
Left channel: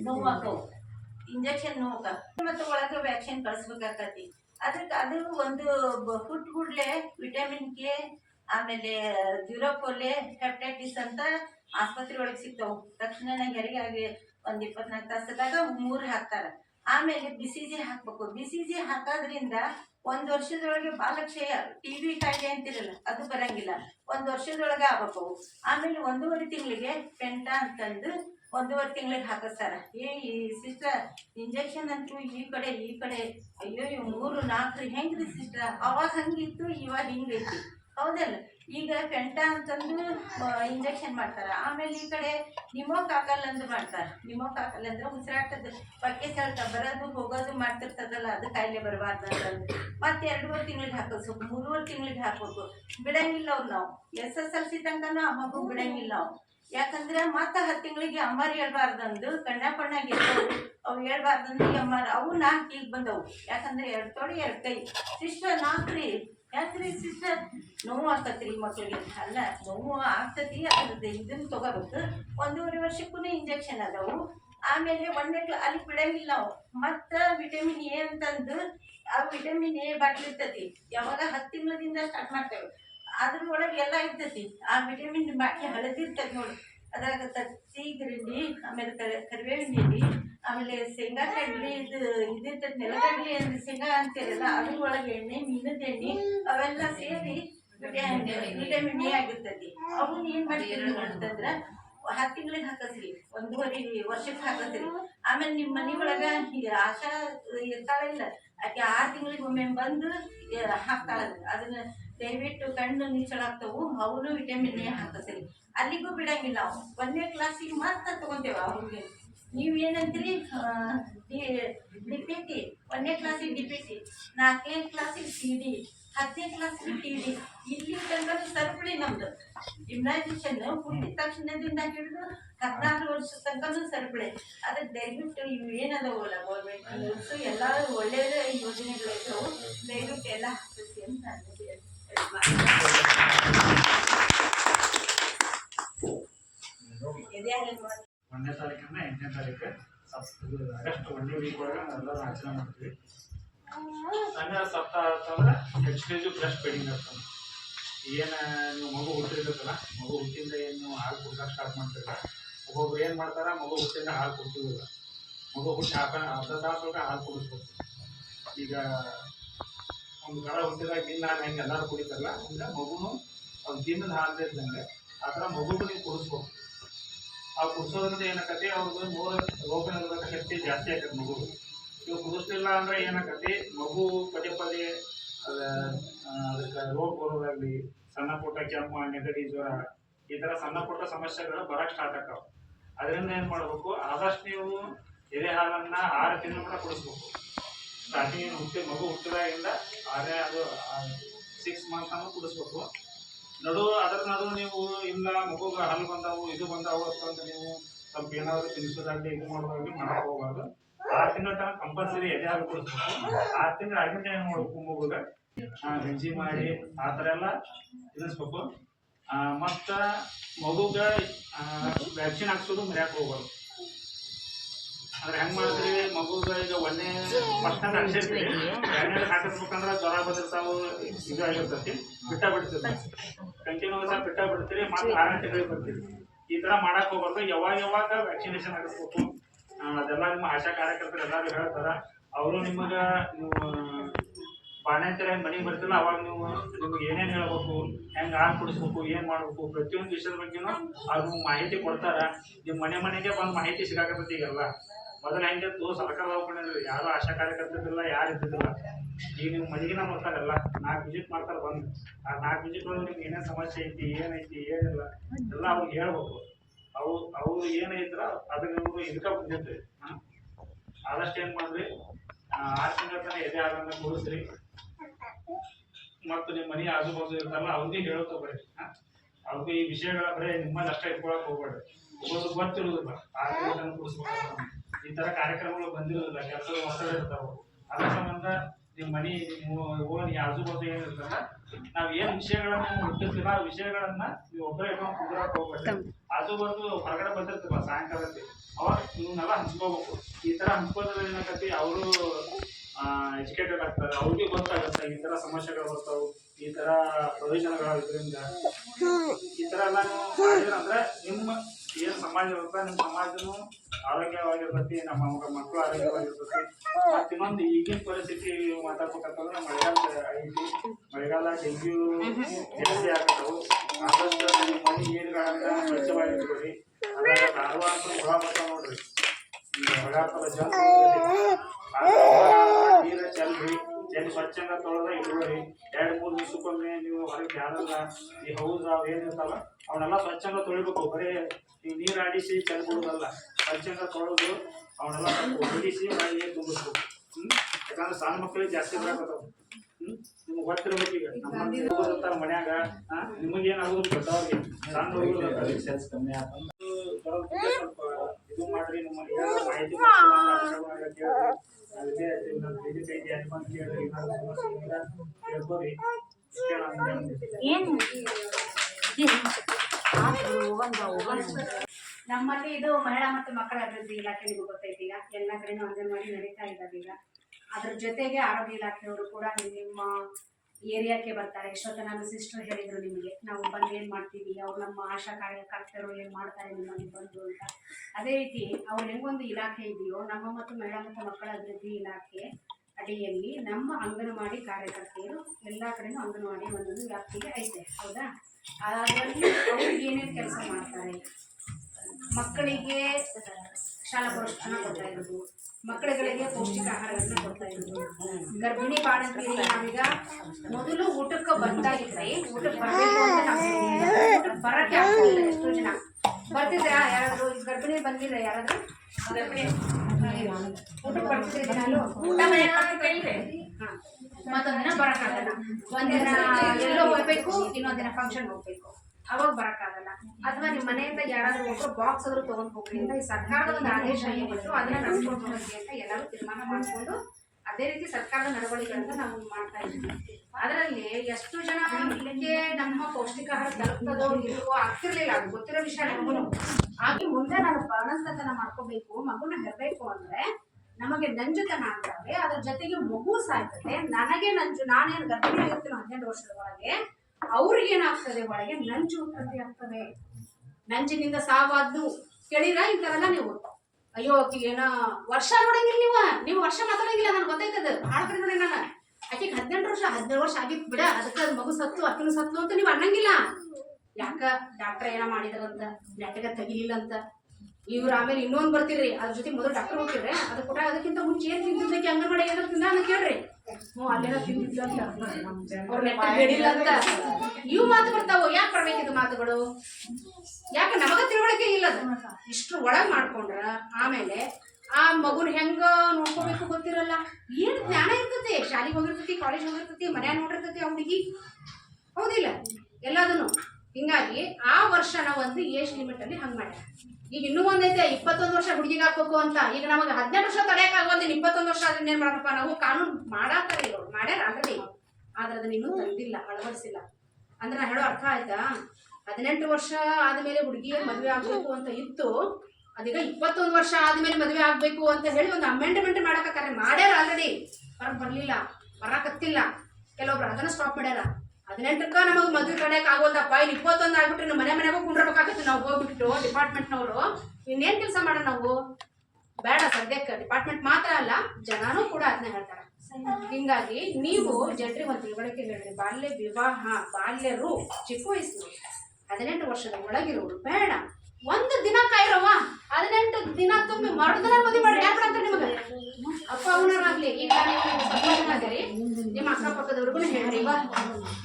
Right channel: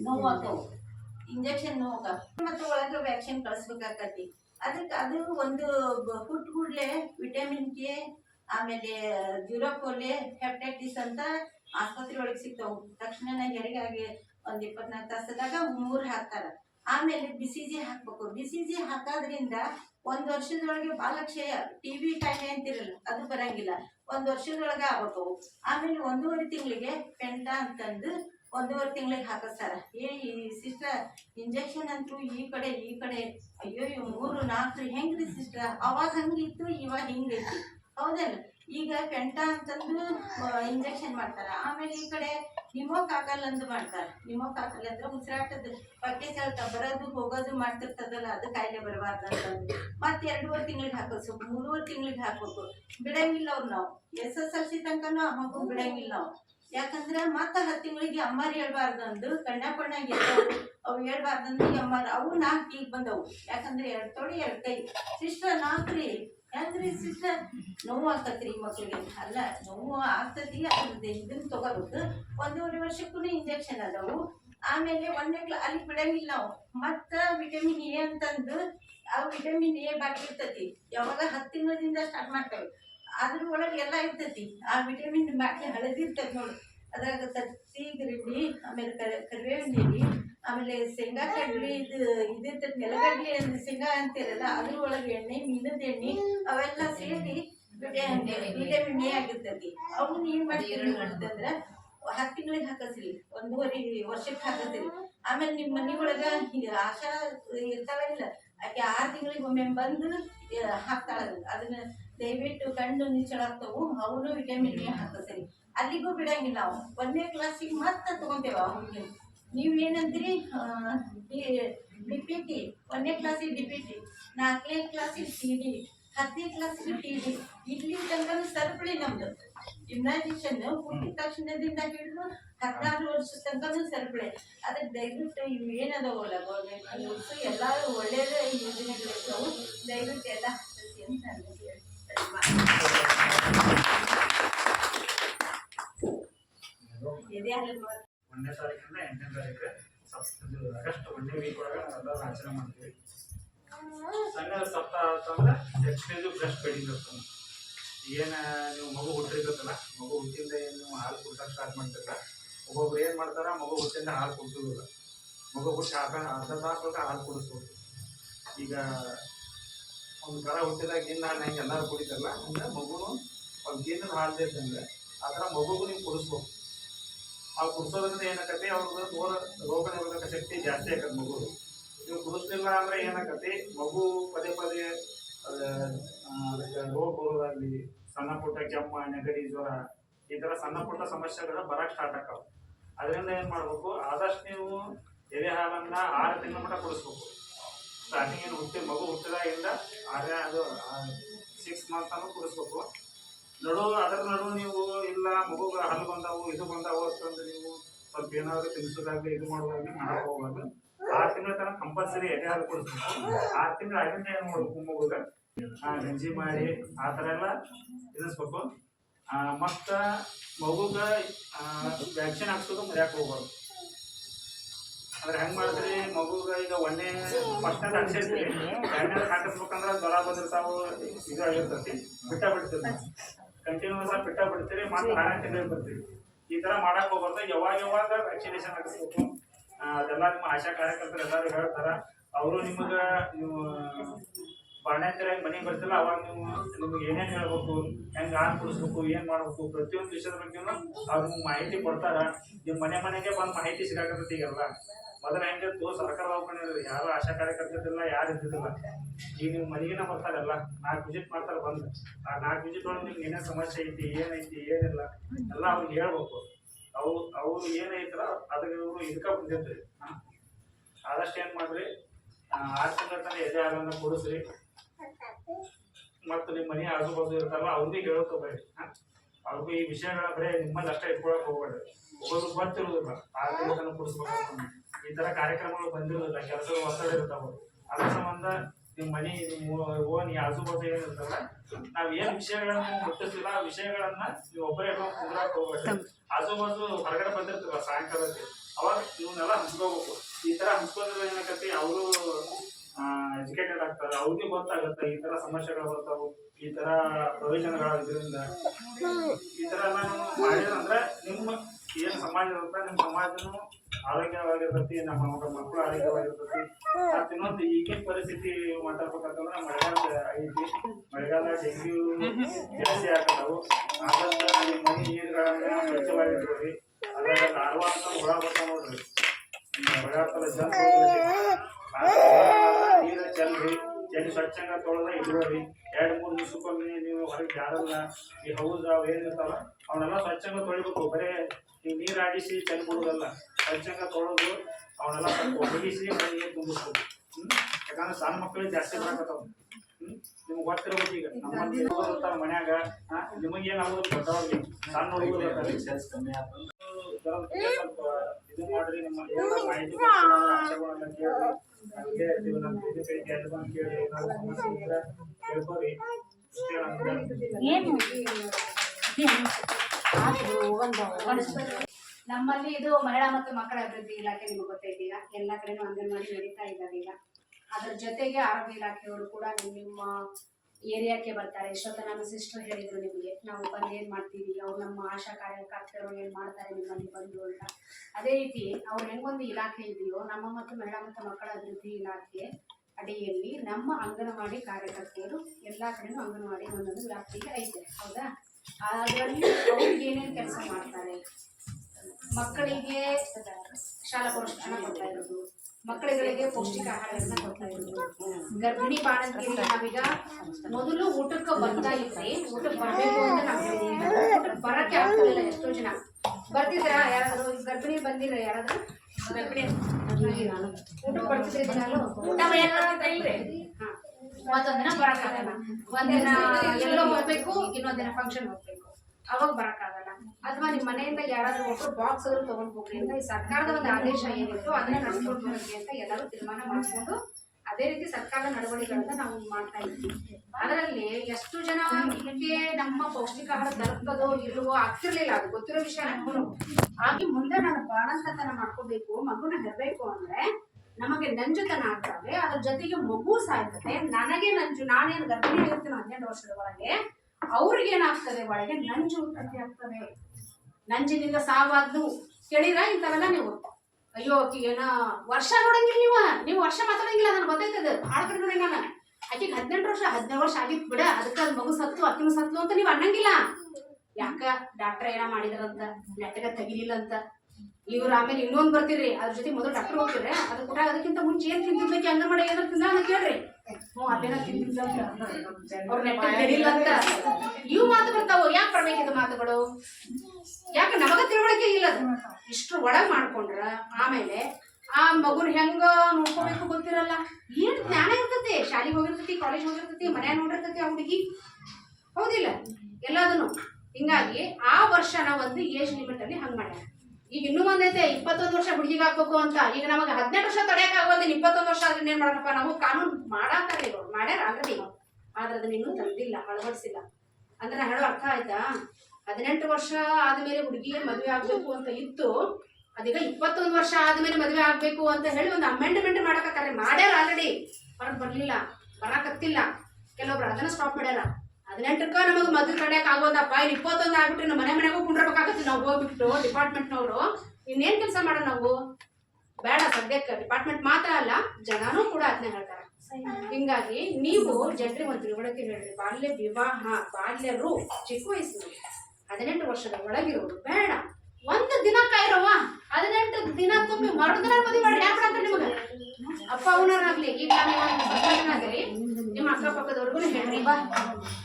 ನೋವಾಕವು ಇಂಜೆಕ್ಷನ್ ನೋವಾಕ ಮತ್ತೆ ಒಳಗೆ ವ್ಯಾಕ್ಸಿನ್ ಕಳಿಸ್ಬೇಕಾಕತಿ. ಅದಕ್ಕೆ ಅದು ಒಂದು ಹುಟ್ಟು ಕೂಡಲೇ ವಿಟಮಿನ್ ಕೆ, ಆಮೇಲೆ ಜ್ಯೂರೋಪೋಲೆ, ಹೆಪಟೈಟಿಸ್ ಅಂತ ಆಸ್ಪತ್ರೆ ಒಳಗೆ ಸಿಗ್ತಾವು. ತಕ್ಷಣ ಹೆರಿಗೆ ಆಗಿ 24 ತಾಸದಾಗ 3 ಹಾಕ್ತಾರ. ಆಮೇಲೆ BCG ಹಾಕ್ಬೇಕು. BCG ಹಾಕೋದ್ರಿಂದ 1 ವರ್ಷದೊಳಗೆ ಬಾಲಕ್ಷಯ, TB ಕಾಯಿಲೆ ಅಂತಿರಲ್ಲ ಅದು ಬರಂಗಿಲ್ಲ. 1 ವರ್ಷದೊಳಗೆ ಆಗ್ಬೇಕು. ಆಮೇಲೆ 1.5 ತಿಂಗಳಿಗೆ ಪೆಂಟ ಅಂತಂದು 1.5 ತಿಂಗಳಿಗೆ ಹಾಕಿಸ್ತಾರ. ಈ ಸಿಸ್ಟರ್ ಇಂಜೆಕ್ಷನ್ ಅಂತೂ ಈ ಕಡೆ ಅಯ್ಯೋ 3-4 ಹೆಂಗ್ರಿ ಸಿಸ್ಟರ್? ಅವಾಗ ಹಂಗಿತ್ತು, ಇವಾಗ ಹಿಂಗೈತಿ, ಹೌದಲ್ಲ? ಈಗ ಪೆಂಟ ಅಂತಂದು ಇಂಜೆಕ್ಷನ್ ಮಾಡ್ತಾರ. ಆಮೇಲೆ ಈ ಕಡೆ ನಿಮೋಕಾಕಲ್ ಅಂದು ಮಾಡ್ತಾರ. ನಿಮೋಕಾಕಲ್ ಅಂದ್ರೆ ಉಸಿರಾಟದ ಪಕ್ಕೆ ಸೆಳ್ತ ಬರೋದು ಹೋಗೋದು ಮಾಡ್ತಿರ್ತದಲ್ಲ, ಅದು ಕಾಯಿಲೆ ಬರಬಾರ್ದು ಅಂತಂದು ಮತ್ತೆ 2.5 ತಿಂಗಳಿಗೆ ಹಾಕಿಸ್ಬೇಕು, 3.5 ತಿಂಗಳಿಗೆ ಹಾಕ್ಬೇಕು. ಬಿಡಂಗಿಲ್ಲ ಅವ್ರು. ನಾವು SSLC ತನಕನೂ ಆ ಮಗು ಬಿಡಂಗಿಲ್ಲ ನಾವು. ಯಾಕಂದ್ರೆ ಮತ್ತೆ 10 ತಿಂಗಳಿಗೆ ಅಮ್ಮಾರಿ ಹೇಳ್ಬಾರ್ದಂದು ಕಣ್ಣಾಗಿ ಅವು ಹೇಳ್ಬಾರ್ದಂದು ಅಮ್ಮಾರ ಅವು 4 ಈಗ ಬಂದವು. ಯಾಕಂದ್ರೆ 2 ತೊಡೆ 2 ಕೈ. ಸಿಸ್ಟರ್ 4 ರೀ. ಯಾಕ್ರಿ ಸಿಸ್ಟರ್? ನೋವು ಆಗ್ತತ್ರಿ ಮಕ್ಳಿಗೆ. ಅಲ್ಲ, ನೋವು ಆಗ್ತತಿ, ಅದ್ರದ್ದು ಇದನ್ನ ತಗೋಬೇಕು. 1.5 ವರ್ಷಕ್ಕೂ ಇಂಜೆಕ್ಷನ್ ಅದಾವು. ಆಮೇಲೆ 1ನೇ ಅಲ್ಲಿ ಬಿಡಂಗಿಲ್ಲ ನಾವು. ಮತ್ತು ವಿಟಮಿನ್ ಎ ಅಂತಂದು ಆ ವಿಟಮಿನ್ ಎ ಬಾಟ್ಲಿ ಇರ್ತೈತಿ. ಯಾವಾಗ 10 ತಿಂಗಳಿಂದ ಸ್ಟಾರ್ಟ್ ಮಾಡ್ತೇವೆ. ಅದ್ರ ಒಳಗೆ ಎಲ್ಲ ಇರ್ತೈತಿ. ಆ ವಿಟಮಿನ್ ಬಾಟ್ಲಿ ಹಳದಿರ್ತೈತಿ ನೋಡಿ. ಅದ್ರಾಗ ತತ್ತಿ ಗಿರಡಿ, ಆಮೇಲೆ ಕರಿಬೇವಿನ ಎಲೆ, ಆಮೇಲೆ ಶೇಂಗಾ ಕಡ್ಲಿ, ಇದಿರ್ತೈತಿ ನೆಲಗಡ್ಲಿ ಶೇಂಗಾ ಅಂತಿರಲ್ಲ, ಅದ್ರ ಒಳಗೆ ಎಣ್ಣೆ, ಮೀನದ ಎಣ್ಣೆ ಅವೆಲ್ಲ ಸೇರಿ ವಿಟಮಿನ್ ಎ ಆಗಿರ್ತೈತಿ. ಅವನ್ನ ಏನ್ ಮಾಡ್ತೀವಿ ಅಂತಂದ್ರೆ 10 ತಿಂಗಳಿಗೆ ಹಾಕಸ್ರಿ, 1.5 ವರ್ಷಕ್ಕೆ ಹಾಕಸ್ರಿ. ಆಮೇಲೆ ನಿಮ್ಮ ಮನೆ ಒಳಗ ಆಶಾ ಇರ್ತಾಳಿಲ್ಲ, ಆಕೆ 6 ತಿಂಗಳಿಗೆ ಒಮ್ಮೆ ಬಂದು ಹಾಕ್ತಾಳ. ಅದನ್ನ ದಯವಿಟ್ಟು ಕಣ್ಣು ನೀಚಳಾಗ್ತಾವು, ಅವನು ವಿಟಮಿನ್ ಎ ಹಾಕಸ್ರಿ. ಅಲ್ಲಿಗೂ ಬಿಡಂಗಿಲ್ಲ ನಾವು. 1ನೇ ಕ್ಲಾಸಿಗೆ ಮತ್ತೆ ತಗೊಂತೇವ. ಅವ್ರಿಗೆ ನೀವೇನಂದ್ರಿ, DPT 1ನೇ ಕ್ಲಾಸಿಗೆ DPT, 4ನೇ ಕ್ಲಾಸಿಗೆ CD, 10ನೇ ಕ್ಲಾಸಿಗೆ TD. ಇಲ್ಲಿ ತನಕ ಸರಪಳಿ ನಮ್ದು ಇಮ್ಯುನೈಸೇಷನ್ ಹುಟ್ಟಿದ ತಕ್ಷಣದಿಂದ ಹಿಡಿದು 16 ವರ್ಷದ ತನಕ ಸರಪಳಿ. ಅದಕ್ಕೆ ದಯವಿಟ್ಟು ಇವು ಏನದವಲ್ಲ ಗೌರ್ಮೆಂಟ್ ರೂಲ್ಸು ಎಲ್ಲ ಒಳ್ಳೆಯದೇ ಯೋಜನೆಗಳಿದ್ದವು. ದಯವಿಟ್ಟು ಎಲ್ಲ ಹಾಕಿಸಿ ಅಂತ ನಾನು ಒಂದನೇ ತಾರೀಕಿಂದ 8ನೇ ತಾರೀಕು ಆಗಸ್ಟ್ 1ನೇ ವೀಕ್ ಒಳಗೆ ಎಲ್ಲರೂ ಆಚರಣೆ ಮಾಡ್ತೀವಿ. ಸಣ್ಣ ಸಪ್ತಾಹ ಅಂತಂದ್ರೆ ಎಕ್ಸ್ಕ್ಲೂಸಿವ್ ಬ್ರೆಸ್ಟ್ ಫೀಡಿಂಗ್ ಇರ್ತದೆ. ಏನು ನೀವು ಮಗು ಹುಟ್ಟಿರ್ತಲ್ಲ, ಮಗು ಹುಟ್ಟಿಂದ ಏನು ನೀವು ಹಾಲು ಕುಡ್ಸೋಕೆ ಸ್ಟಾರ್ಟ್ ಮಾಡ್ತೀರ. ಒಬ್ಬೊಬ್ರು ಏನು ಮಾಡ್ತಾರೆ, ಮಗು ಹುಟ್ಟಿಂದ ಹಾಲು ಕುಡಿಸೋದಿಲ್ಲ. ಮಗು ಹುಟ್ಟಿ ಅರ್ಧ ತಾಸು ಒಳಗೆ ಹಾಲು ಕುಡಿಸ್ಬೇಕು. ಈಗ ಒಂದು ಕರ ಹುಟ್ಟಿದಾಗ ಗಿನ್ನ ಹಾಲು ಹೆಂಗೆ ಎಲ್ಲರೂ ಕುಡಿತಾರಲ್ಲ, ಅಂದರೆ ಮಗುನು ಒಂದು ಗಿನ್ನದ ಹಾಲು ಇದ್ದಂಗೆ ಆ ಥರ ಮಗುಗೂ ನೀವು ಕುಡಿಸ್ಬೇಕು. ಆ ಕುಡಿಸೋದ್ರಿಂದ ಏನಾಕತಿ, ಅವ್ರದ್ದು ರೋಗ ನಿರೋಧಕ ಶಕ್ತಿ ಜಾಸ್ತಿ ಆಕತಿ ಮಗು. ನೀವು ಕುದಿಸ್ಲಿಲ್ಲ ಅಂದ್ರೆ ಏನಾಕತಿ, ಮಗು ಪದೇ ಅದಕ್ಕೆ ರೋಗ ಬರೋದಾಗ್ಲಿ, ಸಣ್ಣ ಪುಟ್ಟ ಕೆಮ್ಮ, ನೆಗಡಿ, ಜ್ವರ, ಈ ಥರ ಸಣ್ಣ ಪುಟ್ಟ ಸಮಸ್ಯೆಗಳು ಬರಕ್ಕೆ ಸ್ಟಾರ್ಟ್ ಆಕಾವ. ಅದರಿಂದ ಏನು ಮಾಡಬೇಕು, ಆದಷ್ಟು ನೀವು ಎದೆ ಹಾಲನ್ನು 6 ತಿಂಗಳ ಮಟ್ಟ ಕುಡಿಸ್ಬೇಕು. ಸ್ಟಾರ್ಟಿಂಗ್ ಏನು ಮಗು ಹುಟ್ಟಿದಾಗಿಂದ 6 ಮಂತ್ ಕುಡಿಸ್ಬೇಕು. ಅದ್ರ ನಡು ನೀವು ಇಲ್ಲ ಮಗುಗ ಹಲ್ಲು ಬಂದಾವು ಇದು ಬಂದಾವು ಅಂತಂದ್ರೆ ನೀವು ಸ್ವಲ್ಪ ಏನಾದ್ರು ತಿನ್ಸೋದಾಗ್ಲಿ ಇದು ಮಾಡೋದಾಗ್ಲಿ ಮಾಡಕ್ ಹೋಗ್ಬಾರ್ದು. 6 ತಿಂಗಳ ತನಕ ಕಂಪಲ್ಸರಿ ಎದೆ ಹಾಲು ಕೊಡಿಸ್ಬೇಕು. 6 ತಿಂಗಳ ಆಗಿಂದ ಏನ್ ಮಾಡ್ಬೇಕು, ಮಗುಗ ಗಂಜಿ ಮಾಡಿ ಆ ಥರ ಎಲ್ಲ ತಿನ್ನಿಸ್ಬೇಕು. ಮತ್ತ ಮಗುಗ ವ್ಯಾಕ್ಸಿನ್ ಹಾಕ್ಸೋದು ಮರ್ಯಾಕ್ ಹೋಗ್ಬಾರ್ದು. ಅದ್ರ ಹೆಂಗ್ ಮಾಡಿದ್ರಿ, ಮಗುಗ ಈಗ ಒಂದೇ ಫಸ್ಟ್ನಾಗ ಹಾಕ್ಸಿದ್ರಿ, ಎರಡನೇ ಹಾಕಿಸ್ಬೇಕಂದ್ರ ಜ್ವರ ಬಂದಿರ್ತಾವು, ಇದು ಆಗಿರ್ತೈತಿ, ಬಿಟ್ಟ ಬಿಡ್ತೀರಿ, ಕಂಟಿನ್ಯೂಸ್ ಆಗಿ ಬಿಟ್ಟ ಬಿಡ್ತೀರಿ, ಮತ್ತೆ 6 ತಿಂಗಳಿಗೆ ಬರ್ತೀರಿ. ಈ ತರ ಮಾಡಕ್ ಹೋಗ್ಬಾರ್ದು. ಯಾವಾಗ ವ್ಯಾಕ್ಸಿನೇಷನ್ ಹಾಕಿಸ್ಬೇಕು ಅದೆಲ್ಲ ನಿಮ್ಮ ಆಶಾ ಕಾರ್ಯಕರ್ತರು ಎಲ್ಲಾರು ಹೇಳ್ತಾರ. ಅವರು ನಿಮಗ ನೀವು ಬಾಣ್ಯಂತರ ಮನೆಗೆ ಬರ್ತಿಲ್ಲ ಅವಾಗ ನಿಮ್ಗೆ ಏನೇನ್ ಹೇಳ್ಬೇಕು, ಹೆಂಗ್ ಹಾಲು ಕುಡಿಸ್ಬೇಕು, ಏನ್ ಮಾಡ್ಬೇಕು, ಪ್ರತಿಯೊಂದು ವಿಷಯದ ಬಗ್ಗೆನೂ ಅವ್ರು ನಿಮ್ಗೆ ಮಾಹಿತಿ ಕೊಡ್ತಾರ. ನಿಮ್ ಮನೆಗೆ ಬಂದು ಮಾಹಿತಿ ಸಿಗಾಕತ್ತೈತಿ. ಈಗೆಲ್ಲ ಮೊದಲ ಹೆಂಗಿತ್ತು, ಸರ್ಕಾರ ದವಾಖಾನೆ ಯಾರು ಆಶಾ ಕಾರ್ಯಕರ್ತಿಲ್ಲ, ಯಾರು ಇದ್ದಿದ್ದಿಲ್ಲ. ಈಗ ನೀವು ಮನೆಗಿನ ಬರ್ತಾರಲ್ಲ, 4 ವಿಸಿಟ್ ಮಾಡ್ತಾರ. ಬಂದು ಆ 4 ವಿಸಿಟ್ ಒಳಗೆ ನಿಮ್ಗೆ ಏನೇನು ಸಮಸ್ಯೆ ಐತಿ, ಏನೈತಿ, ಏನಿಲ್ಲ ಎಲ್ಲ ಅವ್ರಿಗೆ ಹೇಳ್ಬೇಕು. ಅವ್ರು ಏನೈತ್ರ ಅದ್ರ ನೀವು ಇದಕ್ಕ ಬಂದಿರ್ತೀರಿ. ಆದಷ್ಟು ಏನ್ ಮಾಡ್ರಿ, 6 ತಿಂಗಳ ತನಕ ಎದೆ ಹಾಲನ್ನ ಕೊಡಿಸ್ರಿ. ಮತ್ತು ನಿಮ್ಮ ಮನೆ ಆಜು ಬಾಜು ಇರ್ತಾರಲ್ಲ ಅವ್ರಿಗೆ ಹೇಳೋತ ಬರ್ರಿ. ಅವ್ರಿಗೆ ಈ ವಿಷಯಗಳ ಬರೀ ನಿಮ್ಮಲ್ಲಿ ಅಷ್ಟೇ ಇಟ್ಕೊಳಕ್ ಹೋಗ್ಬೇಡ್ರಿ. ಒಬ್ಬರು ಗೊತ್ತಿರುವುದಿಲ್ಲ 6 ತಿಂಗಳ ತನಕ ಕೊಡಿಸ್ಬೇಕು, ಈ ತರ ಕಾರ್ಯಕ್ರಮಗಳು ಬಂದಿರೋದಿಲ್ಲ, ಕೆಲಸದ ಒತ್ತಡ ಇರ್ತಾವ. ಅದ್ರ ಸಂಬಂಧ ನಿಮ್ಮ ಮನೆ ಓಣಿ ಆಜು ಬಾಜು ಏನಿರ್ತಲ್ಲ, ನಾವ್ ಏನ್ ವಿಷಯಗಳನ್ನ ಮುಟ್ಟಿಸ್ತಿಲ್ಲ ಆ ವಿಷಯಗಳನ್ನ ನೀವು ಒಬ್ಬರೇ ಕುಂದ್ರಾಕ್ ಹೋಗ್ಬೇಡ್ರಿ. ಆಜು ಬಾಜು ಹೊರಗಡೆ ಬಂದಿರ್ತಿಲ್ಲ ಸಾಯಂಕಾಲಕ್ಕೆ, ಅವಾಗ ಇವನ್ನೆಲ್ಲ ಹಂಚ್ಕೋಬೇಕು. ಈ ತರ ಹಂಚ್ಕೋದ್ರೆ ಏನಾಗತ್ತಿ, ಅವರು ಎಜುಕೇಟೆಡ್ ಆಗ್ತಾರೆ, ಅವ್ರಿಗೆ ಗೊತ್ತಾಗುತ್ತೆ ಈ ತರ ಸಮಸ್ಯೆಗಳು ಬರ್ತಾವು, ಈ ತರ ಪ್ರಯೋಜನಗಳು ಇದರಿಂದ. ಈ ತರ ಎಲ್ಲ ನೀವು ಮಾಡಿದ್ರಂದ್ರೆ ನಿಮ್ಮ ಏನ್ ಸಮಾಜ ಇರುತ್ತೆ, ನಿಮ್ಮ ಸಮಾಜನು ಆರೋಗ್ಯವಾಗಿರ್ತೈತಿ, ನಮ್ಮ ಮಕ್ಕಳು ಆರೋಗ್ಯವಾಗಿರ್ತೈತಿ. ಮತ್ತೆ ಇನ್ನೊಂದು ಈಗಿನ ಪರಿಸ್ಥಿತಿ ಮಾತಾಡ್ಬೇಕಂತಂದ್ರೆ ಮಳೆಗಾಲ ಐತಿ, ಮಳೆಗಾಲ ಡೆಂಗ್ಯೂ ಜಾಸ್ತಿ ಆಗ್ತಾವು. ಆದಷ್ಟು ನಿಮ್ಮ ಮನೆ ನೀರುಗಳನ್ನ ಸ್ವಚ್ಛವಾಗಿರ್ತೀವಿ. ಅದ್ರಾಗ ನಾರ್ವ ಅಂತ ಹುಳ ಬರ್ತಾವ ನೋಡ್ರಿ, ಹೊರಗಾಡ್ತಲ್ಲ ಜಂಪ್, ನೀರು ಚೆಲ್ಲಿ ಸ್ವಚ್ಛಂಗ ತೊಳೆದ ಇಡುವರಿ. 2-3 ದಿವಸಕ್ಕೊಮ್ಮೆ ನೀವು ಹೊರಗೆ ಜಾರಲ್ಲ, ಈ ಹೌಸ್ ಅವು ಏನಿರ್ತಾವ ಅವನ್ನೆಲ್ಲ ಸ್ವಚ್ಛಂಗ ತೊಳಿಬೇಕು. ಬರೀ ಈ ನೀರು ಆಡಿಸಿ ಚೆಲ್ಲಿ ಬಿಡೋದಲ್ಲ, ಸ್ವಚ್ಛಂಗ ತೊಳೆದು ಅವನ್ನೆಲ್ಲ ಒಣಗಿಸಿ ನೀರು ತುಂಬಿಸ್ಬೇಕು. ಯಾಕಂದ್ರೆ ಸಣ್ಣ ಮಕ್ಕಳಿಗೆ ಜಾಸ್ತಿ ಬರಾಕತ್ತಾವ. ನಿಮ್ಗೆ ಗೊತ್ತಿರ್ಬೇಕು. ಈಗ ನಮ್ಮ ಮನ್ಯಾಗ ನಿಮಗೇನಾಗೋದು ಗೊತ್ತವ್ರಿಗೆ, ಸಣ್ಣ ಹುಡುಗರು ಸ್ವಲ್ಪ ಇದು ಮಾಡ್ರಿ. ನಮ್ಮ ಮಾಹಿತಿ ಕೇಳ್ರಿ, ಅದಕ್ಕೆ ನಮ್ಮ ವೇದಿಕೆ ಐತಿ, ಅಲ್ಲಿ ಬಂದು ಕೇಳ್ರಿ. ಏನಾದ್ರು ಸಮಸ್ಯೆ ಇದ್ರೆ ಹೇಳ್ಕೊರಿ. ನಮ್ಮಲ್ಲಿ ಇದು ಮಹಿಳಾ ಮತ್ತು ಮಕ್ಕಳ ಅಭಿವೃದ್ಧಿ ಇಲಾಖೆ ನಿಮಗೆ ಗೊತ್ತೈತಿ. ಈಗ ಎಲ್ಲ ಕಡೆನೂ ಅಂಗನವಾಡಿ ನಡೀತಾ ಇದ್ದಾರೆ. ಈಗ ಅದ್ರ ಜೊತೆಗೆ ಆರೋಗ್ಯ ಇಲಾಖೆಯವರು ಕೂಡ ನಿಮ್ಮ ಏರಿಯಾಕ್ಕೆ ಬರ್ತಾರೆ. ಇಷ್ಟೊತ್ತು ನಾನು ಸಿಸ್ಟರ್ ಹೇಳಿದ್ರು ನಿಮಗೆ, ನಾವು ಬಂದು ಏನು ಮಾಡ್ತೀವಿ, ಅವ್ರು ನಮ್ಮ ಆಶಾ ಕಾರ್ಯಕರ್ತರು ಏನು ಮಾಡ್ತಾರೆ ನಿಮ್ಮಲ್ಲಿ ಬಂದು ಅಂತ. ಅದೇ ರೀತಿ ಅವ್ರು ಹೆಂಗೊಂದು ಇಲಾಖೆ ಇದೆಯೋ, ನಮ್ಮ ಮತ್ತು ಮಹಿಳಾ ಮತ್ತು ಮಕ್ಕಳ ಅಭಿವೃದ್ಧಿ ಇಲಾಖೆ ಅಡಿಯಲ್ಲಿ ನಮ್ಮ ಅಂಗನವಾಡಿ ಕಾರ್ಯಕರ್ತೆಯರು ಎಲ್ಲ ಕಡೆನೂ ಅಂಗನವಾಡಿ ಒಂದೊಂದು ವ್ಯಾಪ್ತಿಗೆ ಐತೆ, ಹೌದಾ? ಅದರಲ್ಲಿ ಅವ್ರಿಗೆ ಏನೇನು ಕೆಲಸ ಮಾಡ್ತಾರೆ, ಮಕ್ಕಳಿಗೆ ಶಾಲಾ ಪೋಷಣ ಕೊಡ್ತಾ ಇರೋದು, ಮಕ್ಕಳುಗಳಿಗೆ ಪೌಷ್ಟಿಕ ಆಹಾರಗಳನ್ನ ಕೊಡ್ತಾ ಇರೋದು, ಗರ್ಭಿಣಿ ಬಾಣಂತಿಯರಿಗೆ ನಾವೀಗ ಮೊದಲು ಊಟಕ್ಕೆ ಬರ್ತಾ ಇದ್ರೆ ಊಟಕ್ಕೆ ಬರಬೇಕು ಅಂತ ನಾವು ಹೇಳಿದ್ವಿ. ಊಟಕ್ಕೆ ಬರಕ್ಕೆ ಆಗ್ತಿಲ್ಲ. ಎಷ್ಟೋ ಜನ ಬರ್ತಿದ್ರ, ಯಾರಾದ್ರು ಗರ್ಭಿಣಿ ಬಂದಿರ, ಯಾರಾದ್ರೂ ಗರ್ಭಿಣಿ ಊಟಕ್ಕೆ ಬರ್ತಿದ್ದೆ ನಾನು ಊಟ ಮತ್ತೊಂದಿನ ಬರಕ್ಕಾಗಲ್ಲ. ಒಂದಿನ ಎಲ್ಲೋ ಹೋಗ್ಬೇಕು, ಇನ್ನೊಂದಿನ ಫಂಕ್ಷನ್ ಹೋಗ್ಬೇಕು, ಅವಾಗ ಬರಕ್ಕಾಗಲ್ಲ. ಅಥವಾ ನಿಮ್ಮ ಮನೆಯಿಂದ ಯಾರಾದ್ರೂ ಒಬ್ರು ಬಾಕ್ಸ್ ಆದ್ರೂ ತಗೊಂಡ್ ಹೋಗ್ರಿ ಅಂತ ಈ ಸರ್ಕಾರದ ಒಂದು ಆದೇಶ ಏನಿತ್ತು ಅದನ್ನ ನಡ್ಸ್ಕೊಂಡು ಹೋಗಿ ಅಂತ ಎಲ್ಲರೂ ತೀರ್ಮಾನ ಮಾಡಿಕೊಂಡು ಅದೇ ರೀತಿ ಸರ್ಕಾರದ ನಡವಳಿಕೆಗಳನ್ನ ನಾವು ಮಾಡ್ತಾ ಇದ್ವಿ. ಅದರಲ್ಲಿ ಎಷ್ಟು ಜನ ಇಲ್ಲಿಗೆ ನಮ್ಮ ಪೌಷ್ಟಿಕ ಆಹಾರ ತಲುಪದೋ ಇಲ್ವೋ ಆಗ್ತಿರ್ಲಿಲ್ಲ. ಅದು ಗೊತ್ತಿರೋ ವಿಷಯ ನಮಗೂ. ಹಾಗೆ ಮುಂದೆ ನಾನು ಬಾಣಂತನ ಮಾಡ್ಕೋಬೇಕು, ಮಗುನ ಹೆರ್ಬೇಕು ಅಂದ್ರೆ ನಮಗೆ ನಂಜುತನ ಆಗ್ತವೆ, ಅದ್ರ ಜೊತೆಗೆ ಮಗು ಸಾಯ್ತದೆ. ನನಗೆ ನಂಜು, ನಾನೇನು ಗರ್ಭಿಣಿ ಆಗಿರ್ತೀನಿ 12 ವರ್ಷದ ಒಳಗೆ, ಅವ್ರಿಗೇನಾಗ್ತದೆ ಒಳಗೆ ನಂಜು ಉತ್ಪತ್ತಿ ಆಗ್ತದೆ. ನಂಜಿನಿಂದ ಸಾವಾದ್ದು ಕೇಳಿರ ಇಂಥವೆಲ್ಲ ನೀವು. ಅಯ್ಯೋ ಏನ ವರ್ಷ ನೋಡಂಗಿಲ್ಲ, ನೀವು ವರ್ಷ ಮಾತಾಡಂಗಿಲ್ಲ, ನನ್ಗೆ ಗೊತ್ತಾಯ್ತದ. ಆಡ್ಕಡೆ ನೋಡಿ ನಾನು ಆಕೆಗೆ 17 ವರ್ಷ ಆಗಿತ್ತು ಬಿಡ, ಅದಕ್ಕೆ ಅದು ಮಗು ಸತ್ತು ಅಕ್ಕಿನ ಸತ್ತು ಅಂತ ನೀವು ಅನ್ನಂಗಿಲ್ಲ. ಯಾಕ ಡಾಕ್ಟರ್ ಏನೋ ಮಾಡಿದ್ರಂತ, ನೆಟ್ಟಗ ತೆಗಿಲಿಲ್ಲ ಅಂತ. ಇವ್ರು ಆಮೇಲೆ ಇನ್ನೊಂದು ಬರ್ತೀರಿ, ಅದ್ರ ಜೊತೆ ಮೊದಲು ಡಾಕ್ಟರ್ ಹೋಗ್ತಿರ್ರಿ, ಅದು ಕೊಟ್ಟಾಗ ಅದಕ್ಕಿಂತ ಮುಂಚೆ ಏನ್ ತಿಂತಿದ್ದಕ್ಕೆ ಅಂಗನವಾಡಿ ಏನಾರು ತಿಂದ ಅಂತ ಕೇಳ್ರಿ. ಅಲ್ಲೇನ ತಿಂತಿದ್ದ ಅಂತ ಅವ್ರ ನೆಟ್ಟ ಬೇಡಿಲ್ಲ ಅಂತ ಇವು ಮಾತು ಬರ್ತಾವ. ಯಾಕೆ ಬರ್ಬೇಕಿದ್ದು ಮಾತುಗಳು? ಯಾಕೆ ನಮಗ ತಿಳುವಳಿಕೆ ಇಲ್ಲ. ಇಷ್ಟು ಒಳಗ್ ಮಾಡ್ಕೊಂಡ್ರ ಆಮೇಲೆ ಆ ಮಗುನ ಹೆಂಗ ನೋಡ್ಕೋಬೇಕು ಗೊತ್ತಿರಲ್ಲ. ಏನ್ ಜ್ಞಾನ ಇರ್ತತಿ, ಶಾಲೆಗೆ ಹೋಗಿರ್ತತಿ, ಕಾಲೇಜ್ ಹೋಗಿರ್ತತಿ, ಮನ್ಯಾಗ ನೋಡಿರ್ತತಿ ಆ ಹುಡುಗಿ, ಹೌದಿಲ್ಲ? ಎಲ್ಲದನ್ನು ಒಂದು ಏಜ್ ಲಿಮಿಟ್ ಅಲ್ಲಿ ಹಂಗ್ ಮಾಡ್ಯಾರ. ಈಗ ಇನ್ನೂ ಒಂದೈತೆ 21 ವರ್ಷ ಹುಡುಗಿಗೆ ಹಾಕ್ಬೇಕು ಅಂತ. ಈಗ ನಮಗೆ 18 ವರ್ಷ ತಡೆಯಕ್ ಆಗೋದು, 21 ವರ್ಷ ಆದ್ರೆ ಏನ್ ಮಾಡಪ್ಪ ನಾವು? ಕಾನೂನು ಮಾಡಾತಾರೆ, ಇವರು ಮಾಡ್ಯಾರ ಆಲ್ರೆಡಿ, ಆದ್ರೆ ಅದನ್ನ ಇನ್ನೂ ತಂದಿಲ್ಲ, ಅಳವಡಿಸಿಲ್ಲ. ಅಂದ್ರೆ ನಾ ಹೇಳೋ ಅರ್ಥ ಆಯ್ತಾ? 18 ವರ್ಷ ಆದ್ಮೇಲೆ ಹುಡುಗಿಯ ಮದುವೆ ಆಗ್ಬೇಕು ಅಂತ ಇತ್ತು, ಅದೀಗ 21 ವರ್ಷ ಆದ್ಮೇಲೆ ಮದುವೆ ಆಗ್ಬೇಕು ಅಂತ ಹೇಳಿ ಒಂದು ಅಮೆಂಡ್ಮೆಂಟ್ ಮಾಡಕತ್ತಾರೆ. ಮಾಡ್ಯಾರ ಆಲ್ರೆಡಿ, ಹೊರಗೆ ಬರ್ಲಿಲ್ಲ, ಬರಾಕತ್ತಿಲ್ಲ. ಕೆಲವೊಬ್ರು ಅದನ್ನ ಸ್ಟಾಪ್ ಮಾಡ್ಯಾರ. 18ಕ್ಕ ನಮಗೆ ಮದುವೆ ಕಡೆಯಕ್ ಆಗೋದಪ್ಪ, ಇನ್ನು 21 ಆಗ್ಬಿಟ್ರೆ ನಮ್ಮ ಮನೆಗೂ ಕುಂಡ್ರಬೇಕಾಗತ್ತೆ ನಾವು ಹೋಗ್ಬಿಟ್ಟು ಡಿಪಾರ್ಟ್ಮೆಂಟ್ನವರು. ಇನ್ನೇನ್ ಕೆಲಸ ಮಾಡೋಣ ನಾವು? ಬೇಡ, ಸದ್ಯಕ್ಕೆ ಡಿಪಾರ್ಟ್ಮೆಂಟ್ ಮಾತ್ರ ಅಲ್ಲ, ಜನನೂ ಕೂಡ ಅದನ್ನ ಹೇಳ್ತಾರೆ. ಹಿಂಗಾಗಿ ನೀವು ಜನರಿಗೆ ಒಂದು ತಿಳುವಳಿಕೆ ಹೇಳ್ರಿ. ಬಾಲ್ಯ ವಿವಾಹ, ಬಾಲ್ಯರು ಚಿಕ್ಕ ವಯಸ್ಸು 18 ವರ್ಷದ ಒಳಗಿರೋರು ಬೇಡ. ಒಂದು ದಿನ ಕಾಯಿರವ್ವ, 18 ದಿನ ತುಂಬಿ ಮರದಿನ ಮದುವೆ ಮಾಡಿ ಯಾಕೆ ಅಂತ ನಿಮಗೆ ಅಪ್ಪ ಅವನಾಗ್ಲಿ. ಈಗ ಸಂಪಾದನಾಗರಿ ನಿಮ್ಮ ಅಕ್ಕಪಕ್ಕದವ್ರಿಗೂ ಹೇಳ್ರಿ,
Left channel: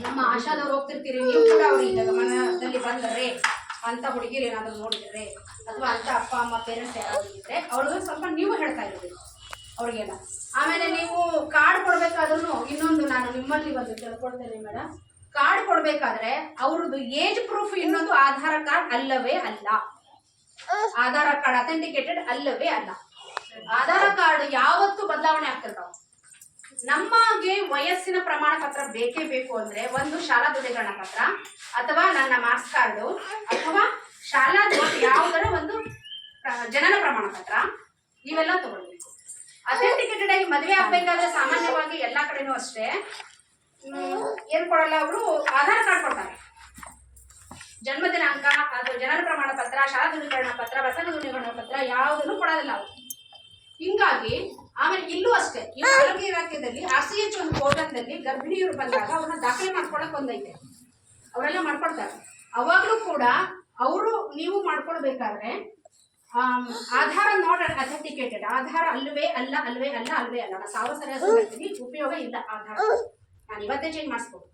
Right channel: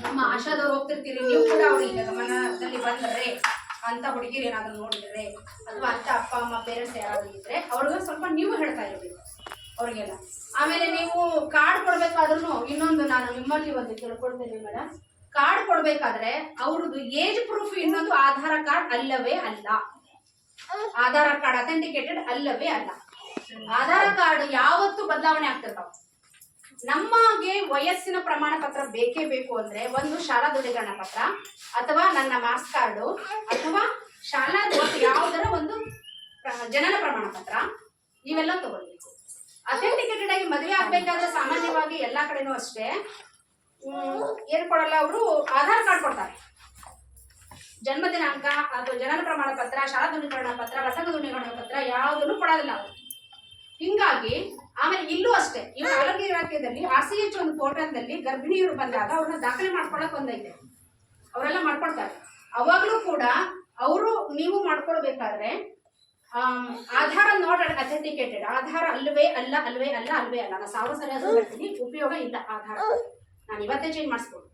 ನಮ್ಮ ಆಶಾದವ್ರು ಹೋಗ್ತಿರ್ತೀರಿ, ನೀವು ಕೂಡ ಅವ್ರಿಗೆ ಗಮನದಲ್ಲಿ ಬಂದ್ರೆ ಅಂತ ಹುಡುಗಿರು ಏನಾದ್ರು ನೋಡಿದ್ರೆ, ಅಥವಾ ಅಂತ ಅಪ್ಪ ಅಮ್ಮ ಪೇರೆಂಟ್ಸ್ ಯಾರಾದ್ರು ಇದ್ರೆ ಅವ್ರಿಗೆ ಸ್ವಲ್ಪ ನೀವು ಹೇಳ್ತಾ ಇರ್ಬೇಕು ಅವ್ರಿಗೆಲ್ಲ. ಆಮೇಲೆ ನೀವು ಕಾರ್ಡ್ ಕೊಡ್ಬೇಕಾದ್ರೂ ಇನ್ನೊಂದು ನಾನು ನಿಮ್ಮಲ್ಲಿ ಒಂದು ತಿಳ್ಕೊಳ್ತೇನೆ ಮೇಡಮ್, ಕಾರ್ಡ್ ಕೊಡ್ಬೇಕಾದ್ರೆ ಅವ್ರದ್ದು ಏಜ್ ಪ್ರೂಫ್ ಇನ್ನೊಂದು ಆಧಾರ್ ಕಾರ್ಡ್ ಅಲ್ಲವೇ ಅಲ್ಲ. ಆಧಾರ್ ಕಾರ್ಡ್ ಅಥೆಂಟಿಕೇಟೆಡ್ ಅಲ್ಲವೇ ಅಲ್ಲ. ಆಧಾರ್ ಕಾರ್ಡ್ ಯಾವತ್ತು ಬದಲಾವಣೆ ಆಗ್ತಿರ್ತಾವ. ನಮಗೆ ವಯಸ್ಸಿನ ಪ್ರಮಾಣ ಪತ್ರ ಬೇಕೇ ಬೇಕು ಅಂದ್ರೆ ಒಂದು ಶಾಲಾ ದೃಢೀಕರಣ ಪತ್ರ, ಅಥವಾ ನನ್ನ ಮಾರ್ಕ್ಸ್ ಕಾರ್ಡು, ಅಥವಾ ಶಾಲಾ ಯಾವುದರ ಒಂದು ಜನನ ಪ್ರಮಾಣ ಪತ್ರ, ಇವೆಲ್ಲ ತಗೊಳ್ಬೇಕು. ಅಥೆಂಟಿಕೇಟೆಡ್ ಆಗಿ ಮದುವೆ ಆಗ್ಬೇಕಾದ್ರೆ ಸಾಮಾನ್ಯವಾಗಿ ಎಲ್ಲಾ ಕಡೆನೂ ಅಷ್ಟೇ ಏನ್ ಕೊಡಲ್ಲ, ಅವರು ಆಧಾರ್ ಕಾರ್ಡ್ ಕೊಡ್ತಾರೆ. ಜನ್ಮ ದಿನಾಂಕ ಅಥವಾ ಜನನ ಪ್ರಮಾಣ ಪತ್ರ, ಶಾಲಾ ದೃಢೀಕರಣ ಪತ್ರ, ಪ್ರಸಂಗ ದೃಢೀಕರಣ ಪತ್ರ ಯಾವುದನ್ನು ಕೊಡೋದಿಲ್ಲ ಅವರು. ಹಿಂಗಾಗಿ ಆಮೇಲೆ ಇಲ್ಲೂ ಅಷ್ಟೇ, ಇವು ಆರೋಗ್ಯ ಇಲಾಖೆಯಲ್ಲಿ RCH ಒಂದು ಪೋರ್ಟಲ್ನಲ್ಲಿ ಗರ್ಭಿಣಿಯರು ಬಂದಾಗ ಅವ್ರನ್ನ ದಾಖಲೆ ಮಾಡ್ಕೊಳಕ್ ಒಂದೈತೆ, ಅವರೆಲ್ಲ ಮಾಡ್ಕೊಡ್ತಾರೆ. ಅವಾಗಲೂ ಕೂಡ ಅವರು ನೀವು ಮಾಡ್ಕೊಳ್ಬೇಕಾದ್ರೆ ಆಧಾರ ನೋಟ್ ಅಥೆಂಟಿಕೇಟೆಡ್ ಆಧಾರ ಅಲ್ಲವೇ ಅಲ್ಲ, ಅಲ್ವೇ ಅಲ್ಲ, ಅಲ್ವೇ ಅಲ್ಲ. ನಾನು 1000 ಸರಿ ಅದು ಹೇಳ್ತೀನಿ, ಉಪಯೋಗ ಇಲ್ಲ ಆಧಾರ. ನಾನು ಇವತ್ತೇ ಚೇಂಜ್ ಮಾಡಿಸ್ಬೋದು,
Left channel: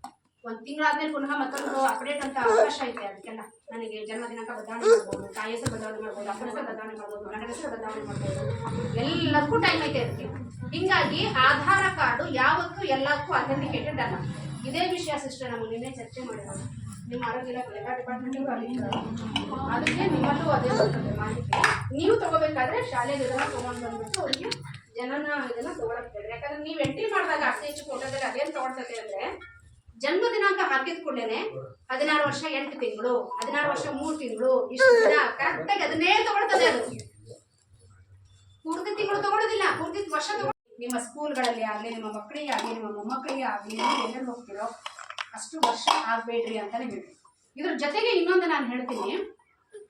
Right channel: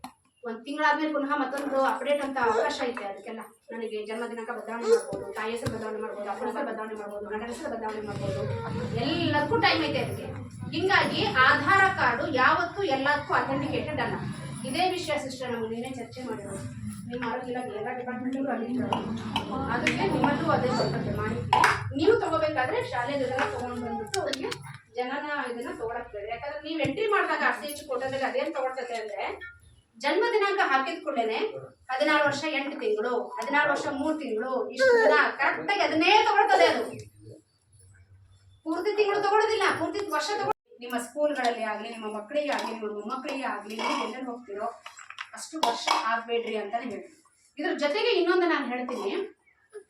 ಒಂದು ತಿಂಗಳಾದ್ಮೇಲೆ ಪುನಃ ಮತ್ತೊಂದು ಅಪ್ಡೇಟ್ ಅಂತ ಅವಕಾಶ ಐತೆ. ಅದಕ್ಕೆಲ್ಲ ನನಗೆ ಜನ್ಮ ದಿನಾಂಕ ಬದಲಾವಣೆ ಮಾಡ್ಬೋದು, ತಾಯಿ ಹೆಸರು ಬದಲಾವಣೆ ಮಾಡ್ಬೋದು, ಅಪ್ಪನ ಹೆಸರು ಬದಲಾವಣೆ ಮಾಡ್ಬೋದು, ಗಂಡನ ಹೆಸರು ಬದಲಾವಣೆ ಮಾಡ್ಬೋದು, ಎಲ್ಲದಕ್ಕೂ ಟೈಮ್ ಐತೆ ಅದಕ್ಕೆ. ಹಿಂಗಾಗಿ ಆಧಾರ್ ಕಾರ್ಡು ಯಾವತ್ತೂ ಎಲ್ಲದಕ್ಕೂ ಅಥೆಂಟಿಕೇಟೆಡ್ ಅಲ್ಲ. ಇದೇ ವಿಷಯ ಸಿಸ್ಟರ್ ನಮಗೆ ನಿನ್ನೆ ಚರ್ಚೆ ಮಾಡಿರೋದು. ನಿಮ್ಮ ಆರೋಗ್ಯ ಇಲಾಖೆ ಎಲ್ಲ ಡಿಪಾರ್ಟ್ಮೆಂಟ್ಗೂ ಅಲ್ಲಿ ಅದಕ್ಕೆ ನಿಮ್ಮಲ್ಲೂ ಅದೇ ಬರ್ತದೆ ಮಾಹಿತಿ. ನೀವು ತಗೋಬೇಕಾದ್ರೆ ಶಾಲೆಗೆ ಇದನ್ನ ತೊಗೊಂಡು ಬಂದ್ಬಿಟ್ಟು ಅವರಿಗೆ ಜನನ ಇದನ್ನ ತಗೊಳಕ್ತದೆ. ಯಾಕಂದ್ರೆ ನೀವು ಎಂಟ್ರಿ ಮಾಡಿದಾಗ RCH ಕೊಟ್ಟದಲ್ಲಿ ಅದೇನು ತಗೊಳ್ತದೆ ಅಂದ್ರೆ, ಜನ್ಮ ದಿನಾಂಕ ಹಾಕಿದ ಕೂಡಲೇ 16 ವರ್ಷ 8 ತಿಂಗಳು, 16 ವರ್ಷ 3 ತಿಂಗಳು, ಇಷ್ಟು ದಿನ ಕರೆಕ್ಟಾಗಿ ಅದನ್ನೇ ತಗೊಳ್ತದೆ. ಅದು ಪೂರ್ತಿ ತಿಂಗಳು ತಗೊಳ್ಳೋದಿಲ್ಲ, ಪೂರ್ತಿ ವರ್ಷ ತಗೊಳ್ಳಿ. ನಿಮ್ಮ ಸ್ಕೂಲ್ಗಳಲ್ಲಿ ಆಗಲಿ, ನಿಮ್ಮ ಮಕ್ಕಳಿಗೆ ಆಗಲಿ, ನಿಮ್ಮ ಮೊಮ್ಮಕ್ಕಳಿಗೆ ಆಗಲಿ, ನೀವು ಎಲ್ಲೆಲ್ಲಿ ಹೋಗ್ತಿರೋ ಅಷ್ಟು ವರ್ಷ ಆಗಬೇಡ್ರಿ ಅಂತಾನೆ ಹೇಳಿ. ಇದ್ರ ಜೊತೆಗೆ ಇನ್ನೊಂದು ನಾನು ಹೇಳ್ತೀನಿ,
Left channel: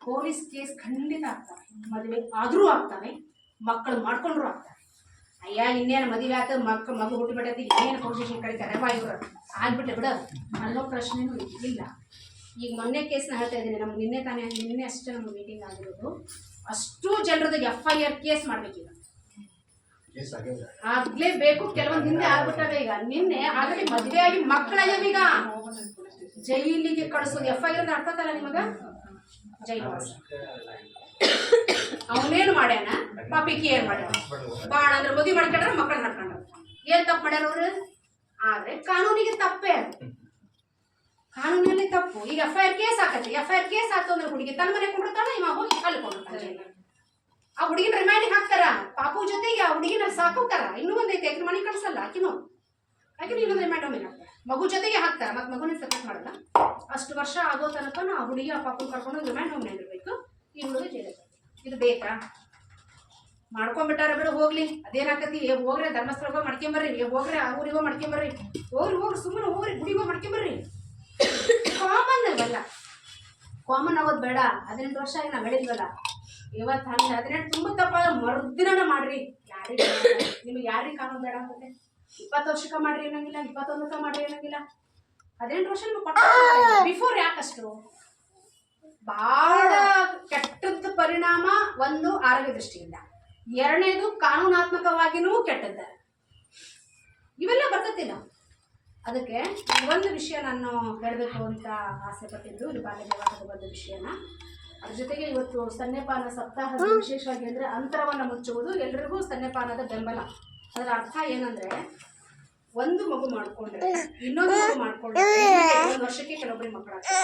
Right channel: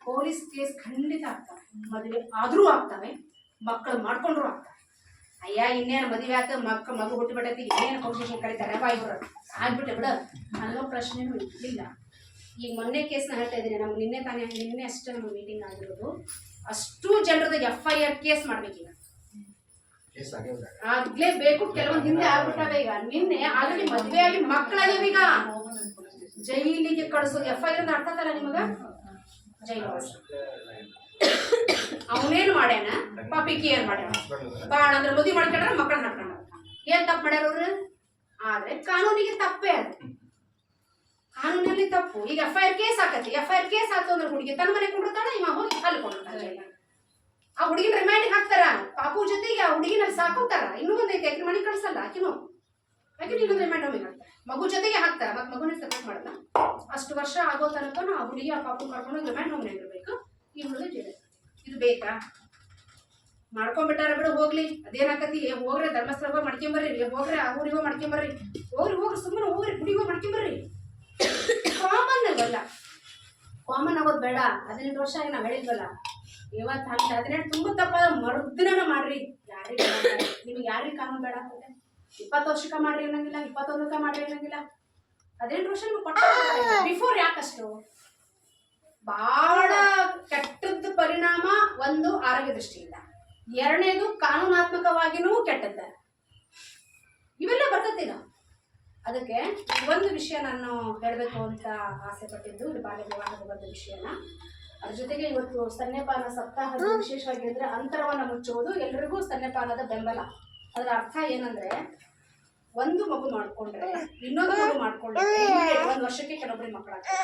ಪೊಲೀಸ್ ಕೇಸ್ ಖಂಡಿತ ಆಗ್ತವೆ. ಮದುವೆ ಆದರೂ ಆಗ್ತವೆ, ಮಕ್ಕಳು ಮಾಡ್ಕೊಂಡ್ರು ಆಗ್ತವೆ. ಅಯ್ಯ ಇನ್ನೇನು ಮದುವೆ ಆತ ಮಗು ಹುಟ್ಟುಬಿಟ್ಟೈತಿ, ಇನ್ನೇನು ಪೊಲೀಸ್ ಕರೀತಾರೆ ಇವರು ಆಗ್ಬಿಟ್ಟೆ ಬಿಡ ಅನ್ನೋ ಪ್ರಶ್ನೆನೂ ಇಲ್ಲ. ಈಗ ಮೊನ್ನೆ ಕೇಸ್ನ ಹೇಳ್ತಾ ಇದ್ದೀನಿ, ನಮ್ಗೆ ನಿನ್ನೆ ಅಷ್ಟೇ ನಮ್ಗೆ ಮೀಟಿಂಗ್ ಆಗಿರೋದು. ಅಷ್ಟು ಜನರದ್ದು FIR ಕೇಸ್ ಮಾಡ್ಬೇಕೀಗ, ಆಗ್ಲೇಬೇಕು. ಕೆಲವೊಂದು ಹಿಂದೆ ಆಗ್ಬಿಟ್ಟಾವೆ. ಈಗ ನಿನ್ನೆ ಆಲ್ರೆಡಿ ಮದುವೆ ಆಗಿ ಮಕ್ಕಳಾಗ್ಯಾವ, ಈಗ ಜೈಲಿಗೆ ಕಳಿಸೋದು. FIR ಅಂತ ಅರ್ಥ ಅಲ್ಲ ನಿಮಗ? ಜೈಲು ಅವನೇನು ಮಾಡ್ಯಾನ, ಪಾಪಿಕಿ ಏನ್ ಮಾಡ್ಯಾನ, ಬಾಣ ಅಂದ್ರೆ ಮದುವೆ ಮಾಡ್ಕೊಂಡ್ರೆ ಮಕ್ಕಳನ್ನ ನಡ್ಕೊಂಡ. ಏನ್ ತಪ್ಪು ಮಾಡ್ಯಾರ ಅವ್ರು? ಆದ್ರೆ ಕಾನೂನಿಗೆ ತಪ್ಪೇ ಅದು, ಕಾನೂನಲ್ಲಿ ತಪ್ಪು. ಈಗ FIR ಕೇಸ್ ಹಾಕತ್ತೆ, FIR ಕೇಸ್ ಹಾಕೋ ಅಂದ್ರೆ ಹುಡುಗಿ ತನ್ನ ಮನೆ ಕೊಂಡಿರ್ತಾಳ, ಇವ ಹೋಗಿ ಅಲ್ಲಿ ಕೊಂಡಿರ್ತಾನೆ. ಆ ಹುಡುಗಿನ ರಿಮೈಂಡ್ ಹಾಕ್ತಾರ, ಪಾಪು ಜೊತೆಗೆ ಆ ಹುಡುಗಿನ ಸಾಕೋತಾರ. ಇನ್ನೂ ಒಂದೈತೆ, ಆಕಿನ ಮನೆ ಕಳ್ಸಲ್ಲ, ಆಕಿನೂ ಇನ್ನೊಂದು ರಿಮೈಂಡ್ ಒಮ್ಮೆ ಹಾಕ್ತಾರೆ, ಮಗು ಜೊತೆಗೆ ಹಾಕ್ತಾರ. ಮತ್ತೆ ಮಗುನ ಸಪೋರ್ಟ್ ಮಾಡಲ್ಲ. ಅಷ್ಟು ವರ್ಷ ಆಗೋ ತನಕ ಆ ಹುಡುಗಿ ಆ ಪಾಪು ಕರ್ಕೊಂಡು ರಿಮೈಂಡ್ ಹೋಮ್ ಇರಬೇಕು. ಈ ಹುಡುಗ ಜೈಲಿಗೆ. ಇದು ಬೇಕಾ? ಮಾಡ್ಕೊಂಡ್ಬಿಟ್ಟಾರ ಬಿಡು, ಹೋಗ್ಲಿ, ಅದೇನಾಕತಿ. ಹೋಗ್ರೆ ಧರ್ಮಸ್ಥಳ ಮಾಡ್ಕೊಂಬರ್ರಿ, ಹೋಗ್ರೆ ಆ ಊರಿಗೋ ಮಾಡ್ಕೊಂಬರ್ರಿ, ಹೋಗ್ರಿ ಸುಮ್ಮನೆ ಹೋಗ್ರಿ, ಗುಡಿಗೋ ಮಾಡ್ಕೊಂಬರ್ರಿ. ಕಾಮನ್ ಅಲ್ಲ, ಕಾಮನ್ ಆಗೋದು ಬೇಡ. 18 ವರ್ಷ ಆಗಿ ನಾವು ಹೇಳಿದ್ವಲ್ಲ, ಇವತ್ತು ಹಂಗೆ 18 ತುಂಬ ತಪ್ಪ ಮರುದಿನ ಮಾಡ್ರಿ. ಯಾರಿಗೆ ನಿಮಗೆ ಯಾರಿಗೆ ಕಾನೂನು ಬೇಡ ಹೋಗುತ್ತೆ? 20 ವರ್ಷಕ್ಕೆ ಮಾಡ್ರಿ ಅನ್ನಂಗಿಲ್ಲ, 21ಕ್ಕೆ ಮಾಡ್ರಿ ಅನ್ನಂಗಿಲ್ಲ. 18 ವರ್ಷ ನಿಮ್ಗೆ ಪಟ್ಟ ಬಿಫೋರ್. ಯಾಕಷ್ಟು ಬಹಳ ಕೆಟ್ಟದ್ದು ಪರಿಣಾಮ. ಒಂದು ಆರೋಗ್ಯ ದೃಷ್ಟಿಯಿಂದ, ಎರಡನೇದು ಕಾನೂನಾತ್ಮಕವಾಗಿನೂ ಕೆಟ್ಟದ್ದ. ಇವೆಲ್ಲ ಬರ್ತತಿಲ್ಲ. ಅದಕ್ಕೆ ಒಂದು ವಿಷಯ ನಾನು ಹೇಳಬೇಕು ಅಂತ ಆಸೆ ಪಟ್ಟಿದ್ದು, ಇದು ಬಾಲ್ಯ ವಿವಾಹದ ಬಂದ ವಿಷಯನ. ಅದ್ರ ಜೊತೆಗೆ ಇವತ್ತು ಸ್ತನ್ಯಪಾನ ಸಪ್ತಾಹದ ವಿಶೇಷವಾಗಿ ಅಂದರೆ ಅಂತರವನ್ನು ಮುಚ್ಚುವುದು, ಎಲ್ಲರಿಗೂ ಸ್ತನ್ಯಪಾನದ ಬೆಂಬಲ. ಅದರ ಅರ್ಥ ಏನಂದರೆ, ಒಂದು ಮಗು ಮಾಡ್ಕೊಂಡ್ರೆ ಇನ್ನೊಂದು ಮಗು ಮಾಡ್ಕೊಂಡ್ರೆ 1 ವರ್ಷಕ್ಕೆ ಕೆಲವೊಬ್ಬರಿಗೆ ಮಕ್ಕಳಾಗ್ತದೆ,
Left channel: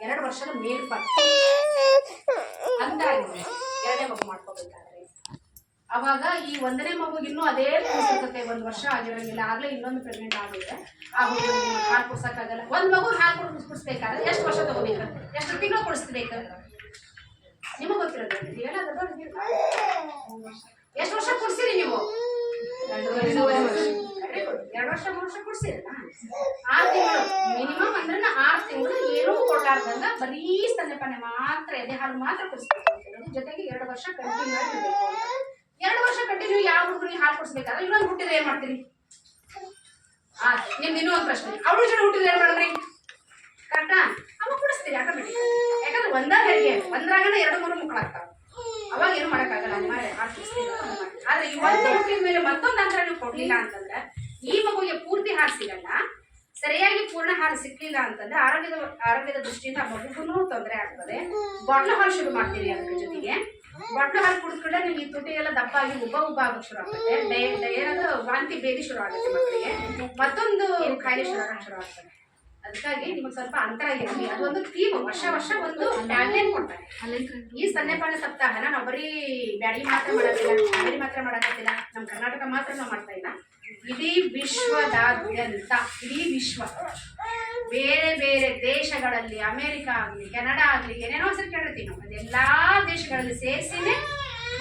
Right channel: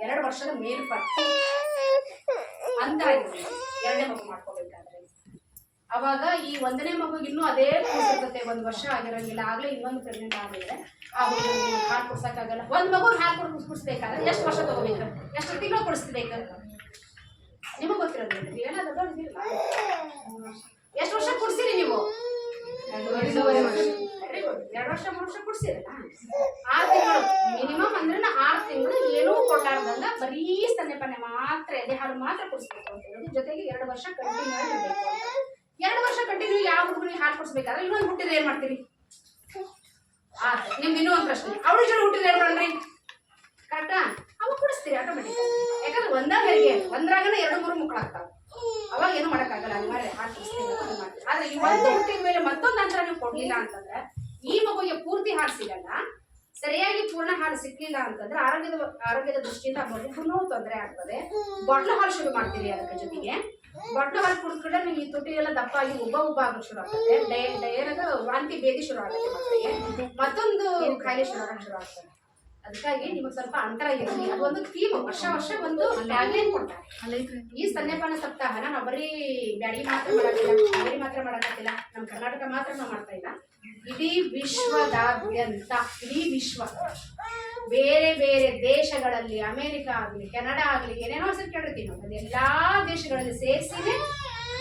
2 ವರ್ಷದ ಮೇಲ್ಪಟ್ಟು ಅಂತ ಆಗಿದೆ 2ನೇ ಮಗು ಮಾಡ್ಕೋಬೇಕಾದ್ರೆ. ಅವಾಗ ಈ 1ನೇ ಮಗುಗೆ ಇನ್ನೂ ಅದೇ ಕೂಸಿರ್ತದೆ, 1 ವರ್ಷ ಆಗಿರಂಗಿಲ್ಲ, ಆಗ್ಲೇ ಇನ್ನೊಂದು ಪ್ರೆಗ್ನೆಂಟ್ ಆಗಿದ್ರೆ ಆ ಮಗುವಿಗೆ ಹಾಲು ಕುಡ್ಸಕ್ಕಾಗಲ್ಲ. ಒಂದು ಮಗುಗೆ ಹಾಲು ಕುಡಿಸ್ಬೇಕಾದ್ರೆ ಎಷ್ಟು ವರ್ಷ ತಗೋಬೇಕು, ಎಷ್ಟು ತಿಂಗಳು ಕುಡಿಸ್ಬೇಕು ನಿಮಗೆ ಗೊತ್ತಿರೋದು ಏನಾದ್ರು ಎಷ್ಟು ವರ್ಷ ಕುಡಿಸಿರಿ ನೀವು? 2 ವರ್ಷ 3 ವರ್ಷ ಕುಡಿಸಿರಲ್ಲ. 6 ತಿಂಗಳು ಮಿನಿಮಮ್ ಅಂದ್ರೆ 6 ತಿಂಗಳು ಏನೂ ಕೊಡಲಾರ್ದಂಗ ಬರೀ ಸ್ತನ್ಯಪಾನ ಮಾತ್ರ, ಎದೆ ಹಾಲು ಮಾತ್ರ ಕುಡಿಸ್ಬೇಕು ಅಂತ ಹೇಳೋದು. ಜೊತೆಗೆ 2 ವರ್ಷ ಕಂಟಿನ್ಯೂ ಆಗಿ ಇರಬೇಕು ಅಂತ. 2 ವರ್ಷ ಕಂಟಿನ್ಯೂ ಯಾವ ಹುಡುಗನಿಗೆ ಹಾಲು ಕುಡಿಸ್ಬೇಕಾದ್ರೆ ಇನ್ನೊಂದು ಹುಟ್ಟಿದ್ರೆ ಏನ್ ಮಾಡ್ತೀರಿ? ನಿಮ್ದು ಇನ್ನೊಂದು ಪ್ರಶ್ನೆ, ಅವಳು ಜನ ಹುಟ್ಟಿದ್ರೆ ಏನ್ ಮಾಡ್ರಿ? ಕರೆಕ್ಟಾ? ಅವಾಗ ಕುಡಿಸ್ತೀರಿ ಆಟೋಮೆಟಿಕ್. ಯಾಕಂದ್ರೆ ಒಂದ್ರಾಗನ 2-3 ಮಕ್ಕಳಾಗ್ತಾವ, ಅವಾಗ ಏನು ಮಾಡೋಕ್ಕಾಗಲ್ಲ, ಅನಿವಾರ್ಯ ಹಾಲು ಕುಡಿಸ್ತೀವಿ. ಆದ್ರೆ ಇವತ್ತು ಹುಟ್ಟಿದ ಮೇಲೆ ಮತ್ತೊಂದು ಅಂತರ ನೀವು ಕೊಡ್ಲಿಲ್ಲ ಅಂತಂದ್ರೆ ಈ ಮಗುವಿಗೆ ಪೂರ್ತಿ ಹಾಲು ಸಿಗಲ್ಲ. ಸರಿಯಾಗಿ ಪೂರ್ಣ ಹಾಲು ಸಿಕ್ಲಿಲ್ಲ ಅಂತಂದ್ರೆ ಆರೋಗ್ಯದ ದೃಷ್ಟಿಯಿಂದ ಆ ಮಗುಗೂ ತೊಂದರೆ ಆಗ್ತದೆ. ಬಾಟ್ಲು ಹಾಲು ಶುರು ಮಾಡ್ತೀರಿ. ಅದಕ್ಕೆ ಜೊತೆಗೆ ಬಾಟ್ಲು ಹಾಲು ಕುಡಿದ್ಕೊಂಡ್ರೆ ನೀವು ಈ ತುಟಿ ಎಲ್ಲ ದಪ್ಪ ಆಗಿ ಉಬ್ಬ ಆಗಕ್ಕೆ ಶುರು ಆಗ್ತದೆ. ಏನಾದ್ರು ವಾಂತಿ ಭೇದಿ ಶುರು ಆಗುತ್ತೆ ಮಕ್ಕಳಿಗೆ, ಮತ್ತೊಂದು ಕಾಯಿಲೆ ಶುರು ಆಗ್ತದೆ. ಅದಕ್ಕಾಗಿ ನಿಮಗೆ ಸ್ವಲ್ಪ ಅಂತರ ಇರಲಿ. ಅದೊಂದು ಥೀಮ್, ವರ್ಷ ಒಂದು ಟ್ಯಾಗ್ಲೈನ್ ಕೊಡ್ತಾರೆ. ಈ ಸ್ತನ್ಯಪಾನ ಸಪ್ತಾಹನ ನಾವು ಬರೀ ಬ್ಯಾಡಿ ಮಾತ್ರ ಮಾಡೋದಿಲ್ಲ, ಬೇರೆ ಮಾತ್ರ ಮಾಡೋದಿಲ್ಲ, ನಮ್ಮ ಕರ್ನಾಟಕ ಮಾತ್ರ ನಾವು ಮಾಡ್ತಾ ಇಲ್ಲ. ಇಡೀ ವಿಶ್ವದಾದ್ಯಂತ, ಇಡೀ ವಿಶ್ವ ಬೇರೆ ಬೇರೆ ದೇಶಗಳಲ್ಲಿ, ಅಮೇರಿಕಾ ಆಗಲಿ, ಕೆನಡಾ ಆಗಲಿ, ಏನೇನೋ ಹೆಸರು ಕೇಳಿರ್ತೀವಿ ನಾವು, ಅದೆಲ್ಲ ದೇಶಗಳಲ್ಲಿ ಸೇರಿಸಿನೇ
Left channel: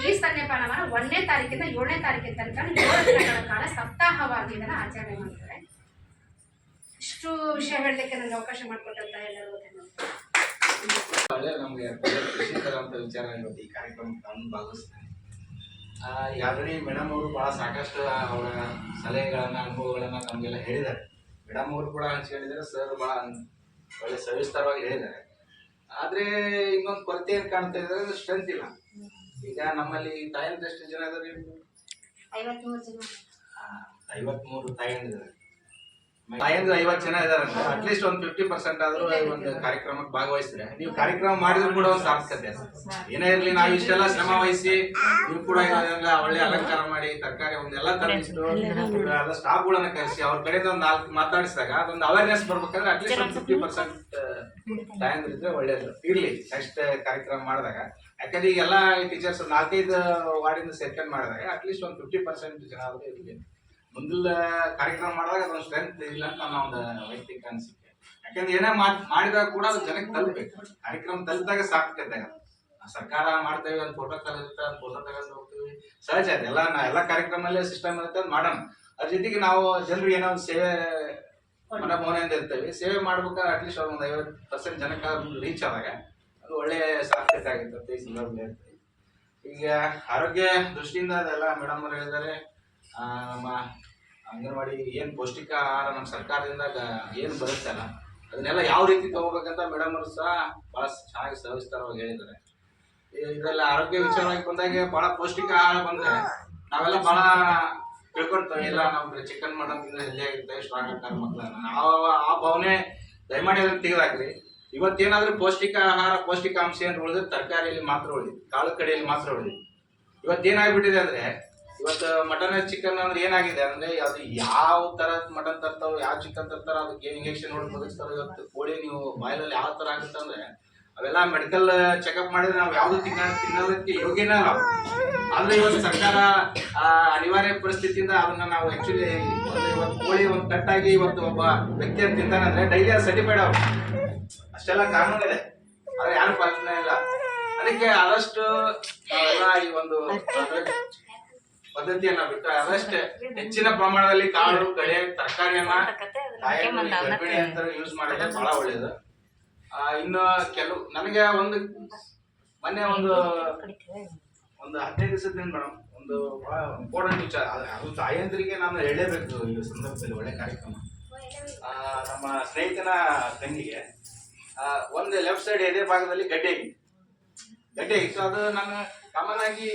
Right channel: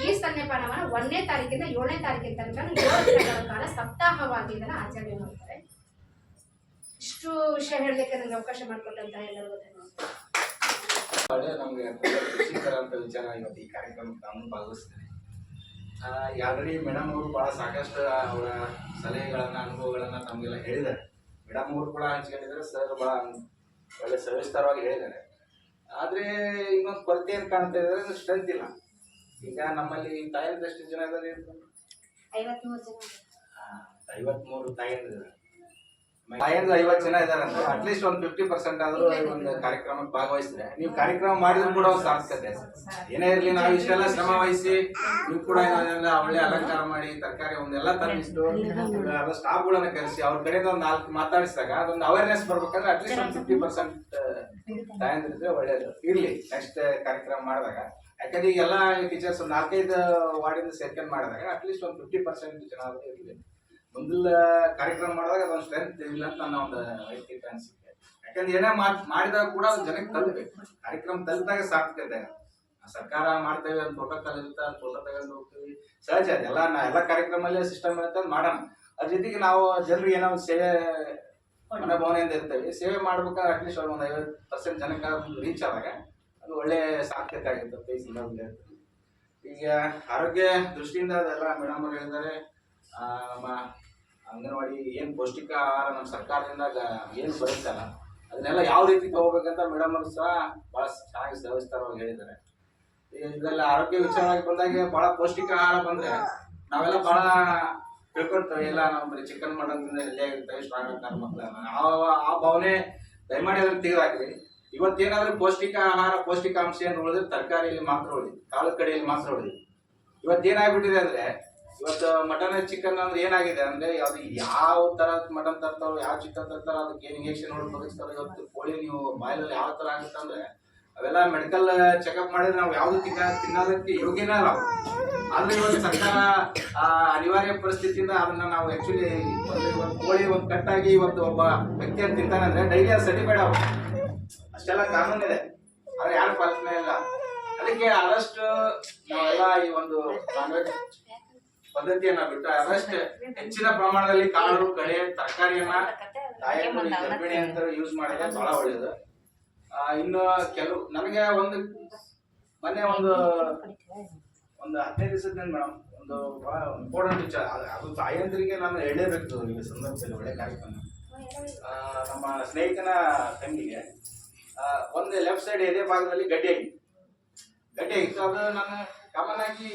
ಈ ಸ್ತನ್ಯಪಾನವನ್ನು 1ನೇ ತಾರೀಕಿಂದ 7ನೇ ತಾರೀಕಿನ ತನಕ 7 ದಿನಗಳ ಕಾಲ ಸಪ್ತಾಹವಾಗಿ ಇದನ್ನು ಆಚರಣೆ ಮಾಡ್ತಾರೆ. ಇಷ್ಟು ವಿಷಯ ಹೇಳಲಿಕ್ಕೆ ನನಗೆ ಅವಕಾಶ ಮಾಡಿಕೊಟ್ಟಂತ ಎಲ್ಲರಿಗೂ ಧನ್ಯವಾದ. ನಮಗೆ ಖುಷಿಕರ ಅಂತ ವಿಚಾರ ಇವತ್ತು ಈ ಕಾರ್ಯಕ್ರಮಕ್ಕೆ ನಾನು ಭಾಗವಹಿಸ್ತೇನೆ. ಆಲ್ರೆಡಿ ಮೇಡಮ್ ಅವರು ಭಾಳ ಸಾಕಷ್ಟು ಅವರ ಸಲಹೆಗಳನ್ನು, ಅನುಭವಗಳನ್ನು ನಮಗೆಲ್ಲ ಹೇಳಿದ್ದಾರೆ. ಮೇಡಮ್ ಅವರು ಕೂಡ ಹಂಚ್ಕೊಂಡಿದ್ದಾರೆ, ಸರ್ ಭಾಳ ಒಳ್ಳೆ ಸವಿಸ್ತಾರವಾಗಿ ಹೇಳಿದ್ದಾರೆ. ಆದರೆ ಇನ್ನೊಂದು ಕೊರತೆ ಏನು ಕಾಣ್ತಾ ಇದ್ದಾರೆ, ಸ್ಟ್ರೆಂತ್ ಇಲ್ಲ. ಈಗ ನಮ್ಮಲ್ಲಿ ತಾಯಂದ್ರೆ ಎಷ್ಟು ಜನ ಇದ್ದಾರೆ? 53 ತಾಯಂದಿದ್ದಾರೆ. ತಾಯಂದ್ರೆ 50 ಜನ ಇದಾರೆ ಅಂದ್ರೆ ಅಟ್ಲೀಸ್ಟ್ ಒಂದು 50% ಆದ್ರೂ ಒಂದು ಕಾರ್ಯಕ್ರಮಕ್ಕೆ ಭಾಗವಹಿಸಿದ್ರೆ ನೀವು ಕಾರ್ಯಕ್ರಮ ಮಾಡಿದ್ರು ಕೂಡ ಒಂದು ಸಾರ್ಥಕತೆ. ಏನೇ ಇರಲಿ, ನಾವು ಇಷ್ಟೆಲ್ಲ ಶ್ರಮ ವಹಿಸಿ ನೀವು ಕೂಡ ಒಳ್ಳೆ ಅಲಂಕಾರ ಮಾಡಿ ತರಕಾರಿ ಒಂದೆಲ್ಲ ತಂದಿಷ್ಟು ಎಲ್ಲ ಸ್ಟಾಫ್ಗಳನ್ನ ಕರೆಸಿ ಅವ್ರ ಕಡೆಯಿಂದ ಒಂದು 4 ಮಾತಾಡಿಸಿದಾಗ ಅದೊಂದು ಅವೇರ್ನೆಸ್ ಬರ್ಬೇಕಂದ್ರೆ ಅಟ್ಲೀಸ್ಟ್ ಒಂದು 50% ತಾಯಂದ್ರಿದ್ರೆ ಒಳ್ಳೇದು ಇರ್ಲಿ. ನೆಕ್ಸ್ಟ್ ಕಾರ್ಯಕ್ರಮ ಮಾಡಿದಾಗ, ಯಾಕಂದ್ರೆ ಈಗೆಲ್ಲ ಟೀಚರ್ಸ್ 4-5 ವಾರ್ಡಿಂದ ಸೇರ್ಕೊಂಡು ಮಾಡಿದಾಗ ಅಟ್ಲೀಸ್ಟ್ ಒಂದು 50% ಜನ ಆದ್ರೂ ಇರಲಿ. ಮುಂದಿನ ಕಾರ್ಯಕ್ರಮ ಮಾಡಿದಾಗ ಅದೊಂದು ಸ್ಟ್ರೆಂತ್ ಇಲ್ಲ ಅಂತ ನನ್ನ ಒಂದು ವೈಯಕ್ತಿಕ ಅನಿಸಿಕೆ. ಯಾಕಂದ್ರೆ ಏನೇ ಮಾಡಿದಾಗ ಕೂಡ ಅದು ಜನಕ್ಕೆ ತಲುಪಬೇಕು. ಕಾರ್ಯಕ್ರಮ ತಲುಪಿದಾಗ ಸಾರ್ಥಕತೆ. ಸರ್ಕಾರ ಮಾಡ್ತೇವೆ, ಒಂದು ಪ್ರೋಟೋಕಾಲ್ ಇರುತ್ತೆ, ಒಂದು ಫೋಟೋ ತಗೊಂಡು ಹೋಗ್ತೀವಿ, ಸಹಜ ಅದೆಲ್ಲ. ಎಲ್ಲ ಕಾರ್ಯಕ್ರಮಲ್ಲೇ ಸಿಸ್ಟಮ್ ಇರುತ್ತೆ, ಅದು ಮಾಡೋಣ. ಅದ್ರ ಜೊತೆಗೆ ನಾವು ಜನರಿಗೆ ಏನೋ ಸೇವೆ ಮನೋಭಾವನೆಯಿಂದ ಇರ್ತೇವೆ. ಸೇವೆ ಮಾಡ್ಬೇಕಾದ್ರೆ ಅಟ್ಲೀಸ್ಟ್ ಒಂದು 50% ಜನಕ್ಕೆ ರೀಚ್ ಆದಾಗ ಅದು ಒಳ್ಳೆ ಸಾರ್ಥಕತೆ ಆಗಿರ್ತದೆ ಈ ಸಂದರ್ಭದಲ್ಲಿ. ಈಗ ಆರೋಗ್ಯ ದೃಷ್ಟಿಯಿಂದ ಅದೆಲ್ಲ ಮೇಡಮ್ ಅವರು ಹೇಳಿದ್ದಾರೆ. ನಮ್ಮ ಅಂಗನವಾಡಿ ಏನು ಪೌಷ್ಟಿಕ ಆಹಾರ ನಮ್ಮ ಸರ್ಕಾರದಿಂದ ಏನು ಬರುತ್ತಲ್ಲ ಅದನ್ನೆಲ್ಲ ಯಾವ ರೀತಿ ತಗೋಬೇಕಂತ ಮೇಡಮ್ ಅವರು ಸಹ ಭಾಳ ಚೆನ್ನಾಗಿ ಸವಿಸ್ತಾರವಾಗಿ ಹೇಳಿದ್ದಾರೆ. ಇದೆಲ್ಲ ಆರೋಗ್ಯ ವಿಚಾರವಾಗಿ ಬಂದಾಗ ಭಾಳ ಪೌಷ್ಟಿಕ ಆಹಾರ ಬಂದರೆ ನಾವೆಲ್ಲ ಭಾಳ ತಿಳ್ಕೊಳ್ತೇವೆ. ಇಲ್ಲ ನಾವು ಬರೀ ಚಿಕನ್ ಮಾಡೋದ್ರಿಂದ ಹೆಲ್ದಿ ಆಗಿರ್ತೇವೆ, ಸ್ಟ್ರಾಂಗ್ ಆಗ್ತಾರೆ ಮಕ್ಕಳನ್ನ. ಆ ಭಾವನೆ ದಯಮಾಡಿ ಅದನ್ನು ತೆಗೆದಾಕ್ರಿ. ಇವತ್ತೇನಾದ್ರೂ ಪೌಷ್ಟಿಕ ಆಹಾರ, ಪೌಷ್ಟಿಕಾಂಶ ಏನು ಉಳಿದ್ರೆ ತರಕಾರಿಯಲ್ಲಿ ಮಾತ್ರ ಉಳಿದು, ಕಾಳು ಕಡೆಯಲ್ಲಿ ಮಾತ್ರ ಉಳಿದು. ಇವತ್ತೇನಾಗ್ಬಿಟ್ಟಿದೆ ಅಂದರೆ, ಇವತ್ತು ಮಟನ್ ಚಿಕನ್ ಅಂದ್ರೆ ಏನಾಗಿದೆ ಅಂದ್ರೆ, ಅದು ಯಾವ ತರದ ಮಟನ್ ತರ್ತಾರೋ, ಯಾವ ಚಿಕನ್ ತರ್ತಾರೋ ಅದಕ್ಕೆ ಇಂಜೆಕ್ಷನ್ ನೋಡಿ ಬದುಕ್ತಾರೋ. ಇವತ್ತು ಕೋಳಿ ನೀವು ಬಾಯಿಲಲ್ಲಿ ಯಾವ ತರ ಆಗುತ್ತೆ ಅಂದ್ರೆ ಅವೆಲ್ಲ ಮೆಡಿಕಲ್ ಚೆಕಪ್ ಮಾಡಿದ್ರೆ ನಾವು ಯಾವ್ದು ತಿನ್ನೋದಕ್ಕೆ ಯೋಗ್ಯನೇ ಅಲ್ಲ. ಆದ್ರೆ ಇವತ್ತು ಸರ್ಕಾರ ಅನಿವಾರ್ಯ ಪರಿಸ್ಥಿತಿಯಿಂದ ಅದನ್ನ ನಾವು ಆಕ್ಚುಲಿ ಇವತ್ತು ಕೋಳಿ ಒಂದು ಕಟ್ಟಾಗಿ ಇವತ್ತು ಒಬ್ಬ ವ್ಯಕ್ತಿ ಅಂತ ತಿಂತಾನೆ ಅಂದ್ರೆ ಡೈಲಿ ಅದು ಸರ್ಟಿಫೈಡ್ ಆಗುತ್ತೆ. ಅಷ್ಟೆಲ್ಲ ಕಾನೂನಿದೆ, ಆದ್ರೆ ಯಾರು ಪಾಲನೆ ಇಲ್ಲ. ಅದಕ್ಕೆ ಆದಷ್ಟು ನಾವೆಲ್ಲ ಈ ಒಂದು ಪದ್ಧತಿಯನ್ನ ಬಿಟ್ಟು ಅದಷ್ಟೇ ಹೆಚ್ಚಿನ ಪ್ರಮಾಣದಲ್ಲಿ ಕಾಳು ಕಡೆ ತರಕಾರಿಯನ್ನ ಗರ್ಭಿಣಿ ಅಂತ ಯೂಸ್ ಮಾಡಿದ್ರೆ ಬಹಳ ಒಳ್ಳೇದು. ಇನ್ನು ಕೆಲವು ನನಗೆ ಮೊನ್ನೆ ಒಂದು 15 ದಿವಸದಿಂದ ಮೇಡಮ್ ಒಂದು ಬಹಳ ಇಂಪಾರ್ಟೆಂಟ್ ವಿಚಾರ, ಅದು ತಾಯಂದ್ರಿಗೆ ನಾನು ಹೇಳಲೇಬೇಕು ಈ ಸಂದರ್ಭದಲ್ಲಿ. ಒಳ್ಳೆ ಕಾರ್ಯಕ್ರಮ. ನಮ್ಮ ಸ್ನೇಹಿತನ ತಂಗಿಗೆ ಒಂದು ಲೆಫ್ಟ್ ಸೈಡ್ ಎದೆ ಭಾಗದಲ್ಲಿ ಗಡ್ಡೆ ಆಗಿತ್ತು. ಅದು ನಾನು ಕಾಮನ್ ಆಗಿ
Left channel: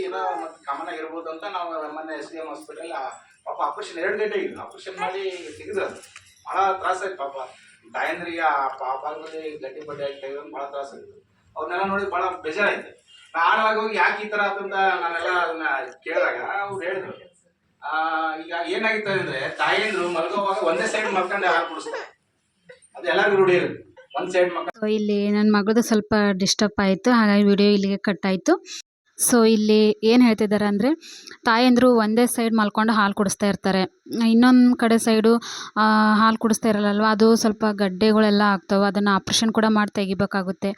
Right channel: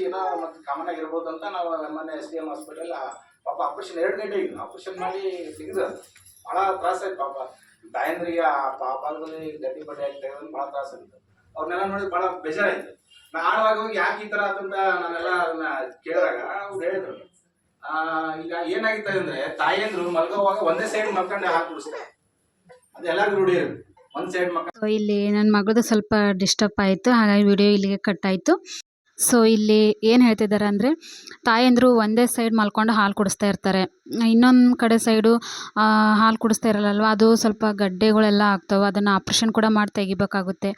ಇರ್ಬೋದು ಅಂತ ನಾವು ಮೊನ್ನೆ SDM ಹಾಸ್ಪಿಟಲ್ ಪಾಪ ಆಪರೇಷನ್ 2 ಗಂಟೆ ಆಗಿದ್ದು. ಆಪರೇಷನ್ ಮಾಡಿ ತೆಗೆದು ಭಾಳ ತ್ರಾಸಾಯ್ತು ಪಾಪ ತಾಯಂದ್ರಿಗೆ. ಆ ಭಾಗದಲ್ಲಿ ಗಡ್ಡಿ ಬಡ್ಡೆ ಆಗಿ ತೆಗೆದು ಭಾಳ ತ್ರಾಸಾಗಿತ್ತು. ಅವ್ರನ್ನೆಲ್ಲ ನೋಡಿ ಭಾಳ ಬೇಜಾರಾಯ್ತು. ನಾನು ಆವಾಗ ಹೋಗಿ ಯಾಕೆ ಈ ಥರ ಅಂತಂದ ನಾನೆಲ್ಲ ಅದನ್ನ ಕೇಳಿದಾಗ ಅವ್ರು ಹೇಳಿದ್ರು, ಈಗ ಏನಾಗಿರ್ತದೆ ಅಂದ್ರೆ ತಾಯಂದ್ರು ಮಲ್ಗೋವಾಗ ಒಂದೇ ಸೈಡ್ ಮಲ್ಕೊಂಡು ಹಾಲು ಕುಡಿಸ್ತಾರೆ. ಅದು ಎಲ್ಲರಿಗೂ ರೂಢಿ ಇರುತ್ತೆ, ಒಂದ್ ಸೈಡ್ ಮಕ್ಕ. ಸೊ ಇಲ್ಲಿ ನನ್ನ ಮಗಳದು ಸ್ವಲ್ಪ ಡಿಸ್ಟರ್ಬ್ ಆಯಿತು, ಹಾಗಾಗಿ ವಿಡಿಯೋ ಇಲ್ಲಿಗೆ ಕಟ್ ಆಯಿತು. ಸೊ ಇಲ್ಲಿ ಏನು ಹೇಳ್ತಿದ್ದಾರೆ ಅಂದರೆ ತಾಯಂದಿರು ಒಂದೇ ಸೈಡ್ ಮಲ್ಕೊಂಡು ಹಾಲು ಕುಡಿಸ್ತಾ ಇರ್ತಾರೆ, ಇನ್ನೊಂದು ಕಡೆ ಸೈಡು ಹಾಲು ಕುಡಿಸ್ತಾ ಇರಲ್ಲಲ್ವ, ಅದು ಸ್ವಲ್ಪ ಗಡ್ಡೆಗಳೆಲ್ಲ ಆಗ್ತವೆ, ಅದನ್ನು ಆಪ್ರೇಷನ್ ಕೂಡ ಮಾಡಿ ತೆಗಿಬೇಕಾಗುತ್ತೆ.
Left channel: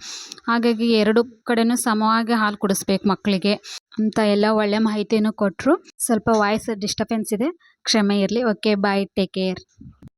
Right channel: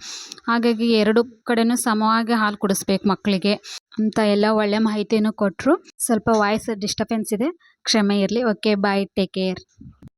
ಹಾಗಾಗಿ ಎರಡು ಕಡೆನೂ ಸಮವಾಗಿ ಹಾಲು ಕುಡಿಸ್ಬೇಕು ಮಕ್ಕಳಿಗೆ ಅಂತ ಎಲ್ಲ ಒಳ್ಳೆ ಮಾಹಿತಿಯನ್ನು ಕೊಟ್ಟರು. ಸ್ವಲ್ಪ ವಾಯ್ಸ್ ಡಿಸ್ಟರ್ಬೆನ್ಸ್ ಇದೆ, ಕ್ಷಮೆ ಇರಲಿ. ಓಕೆ, ಬಾಯ್, ಟೇಕ್ ಕೇರ್.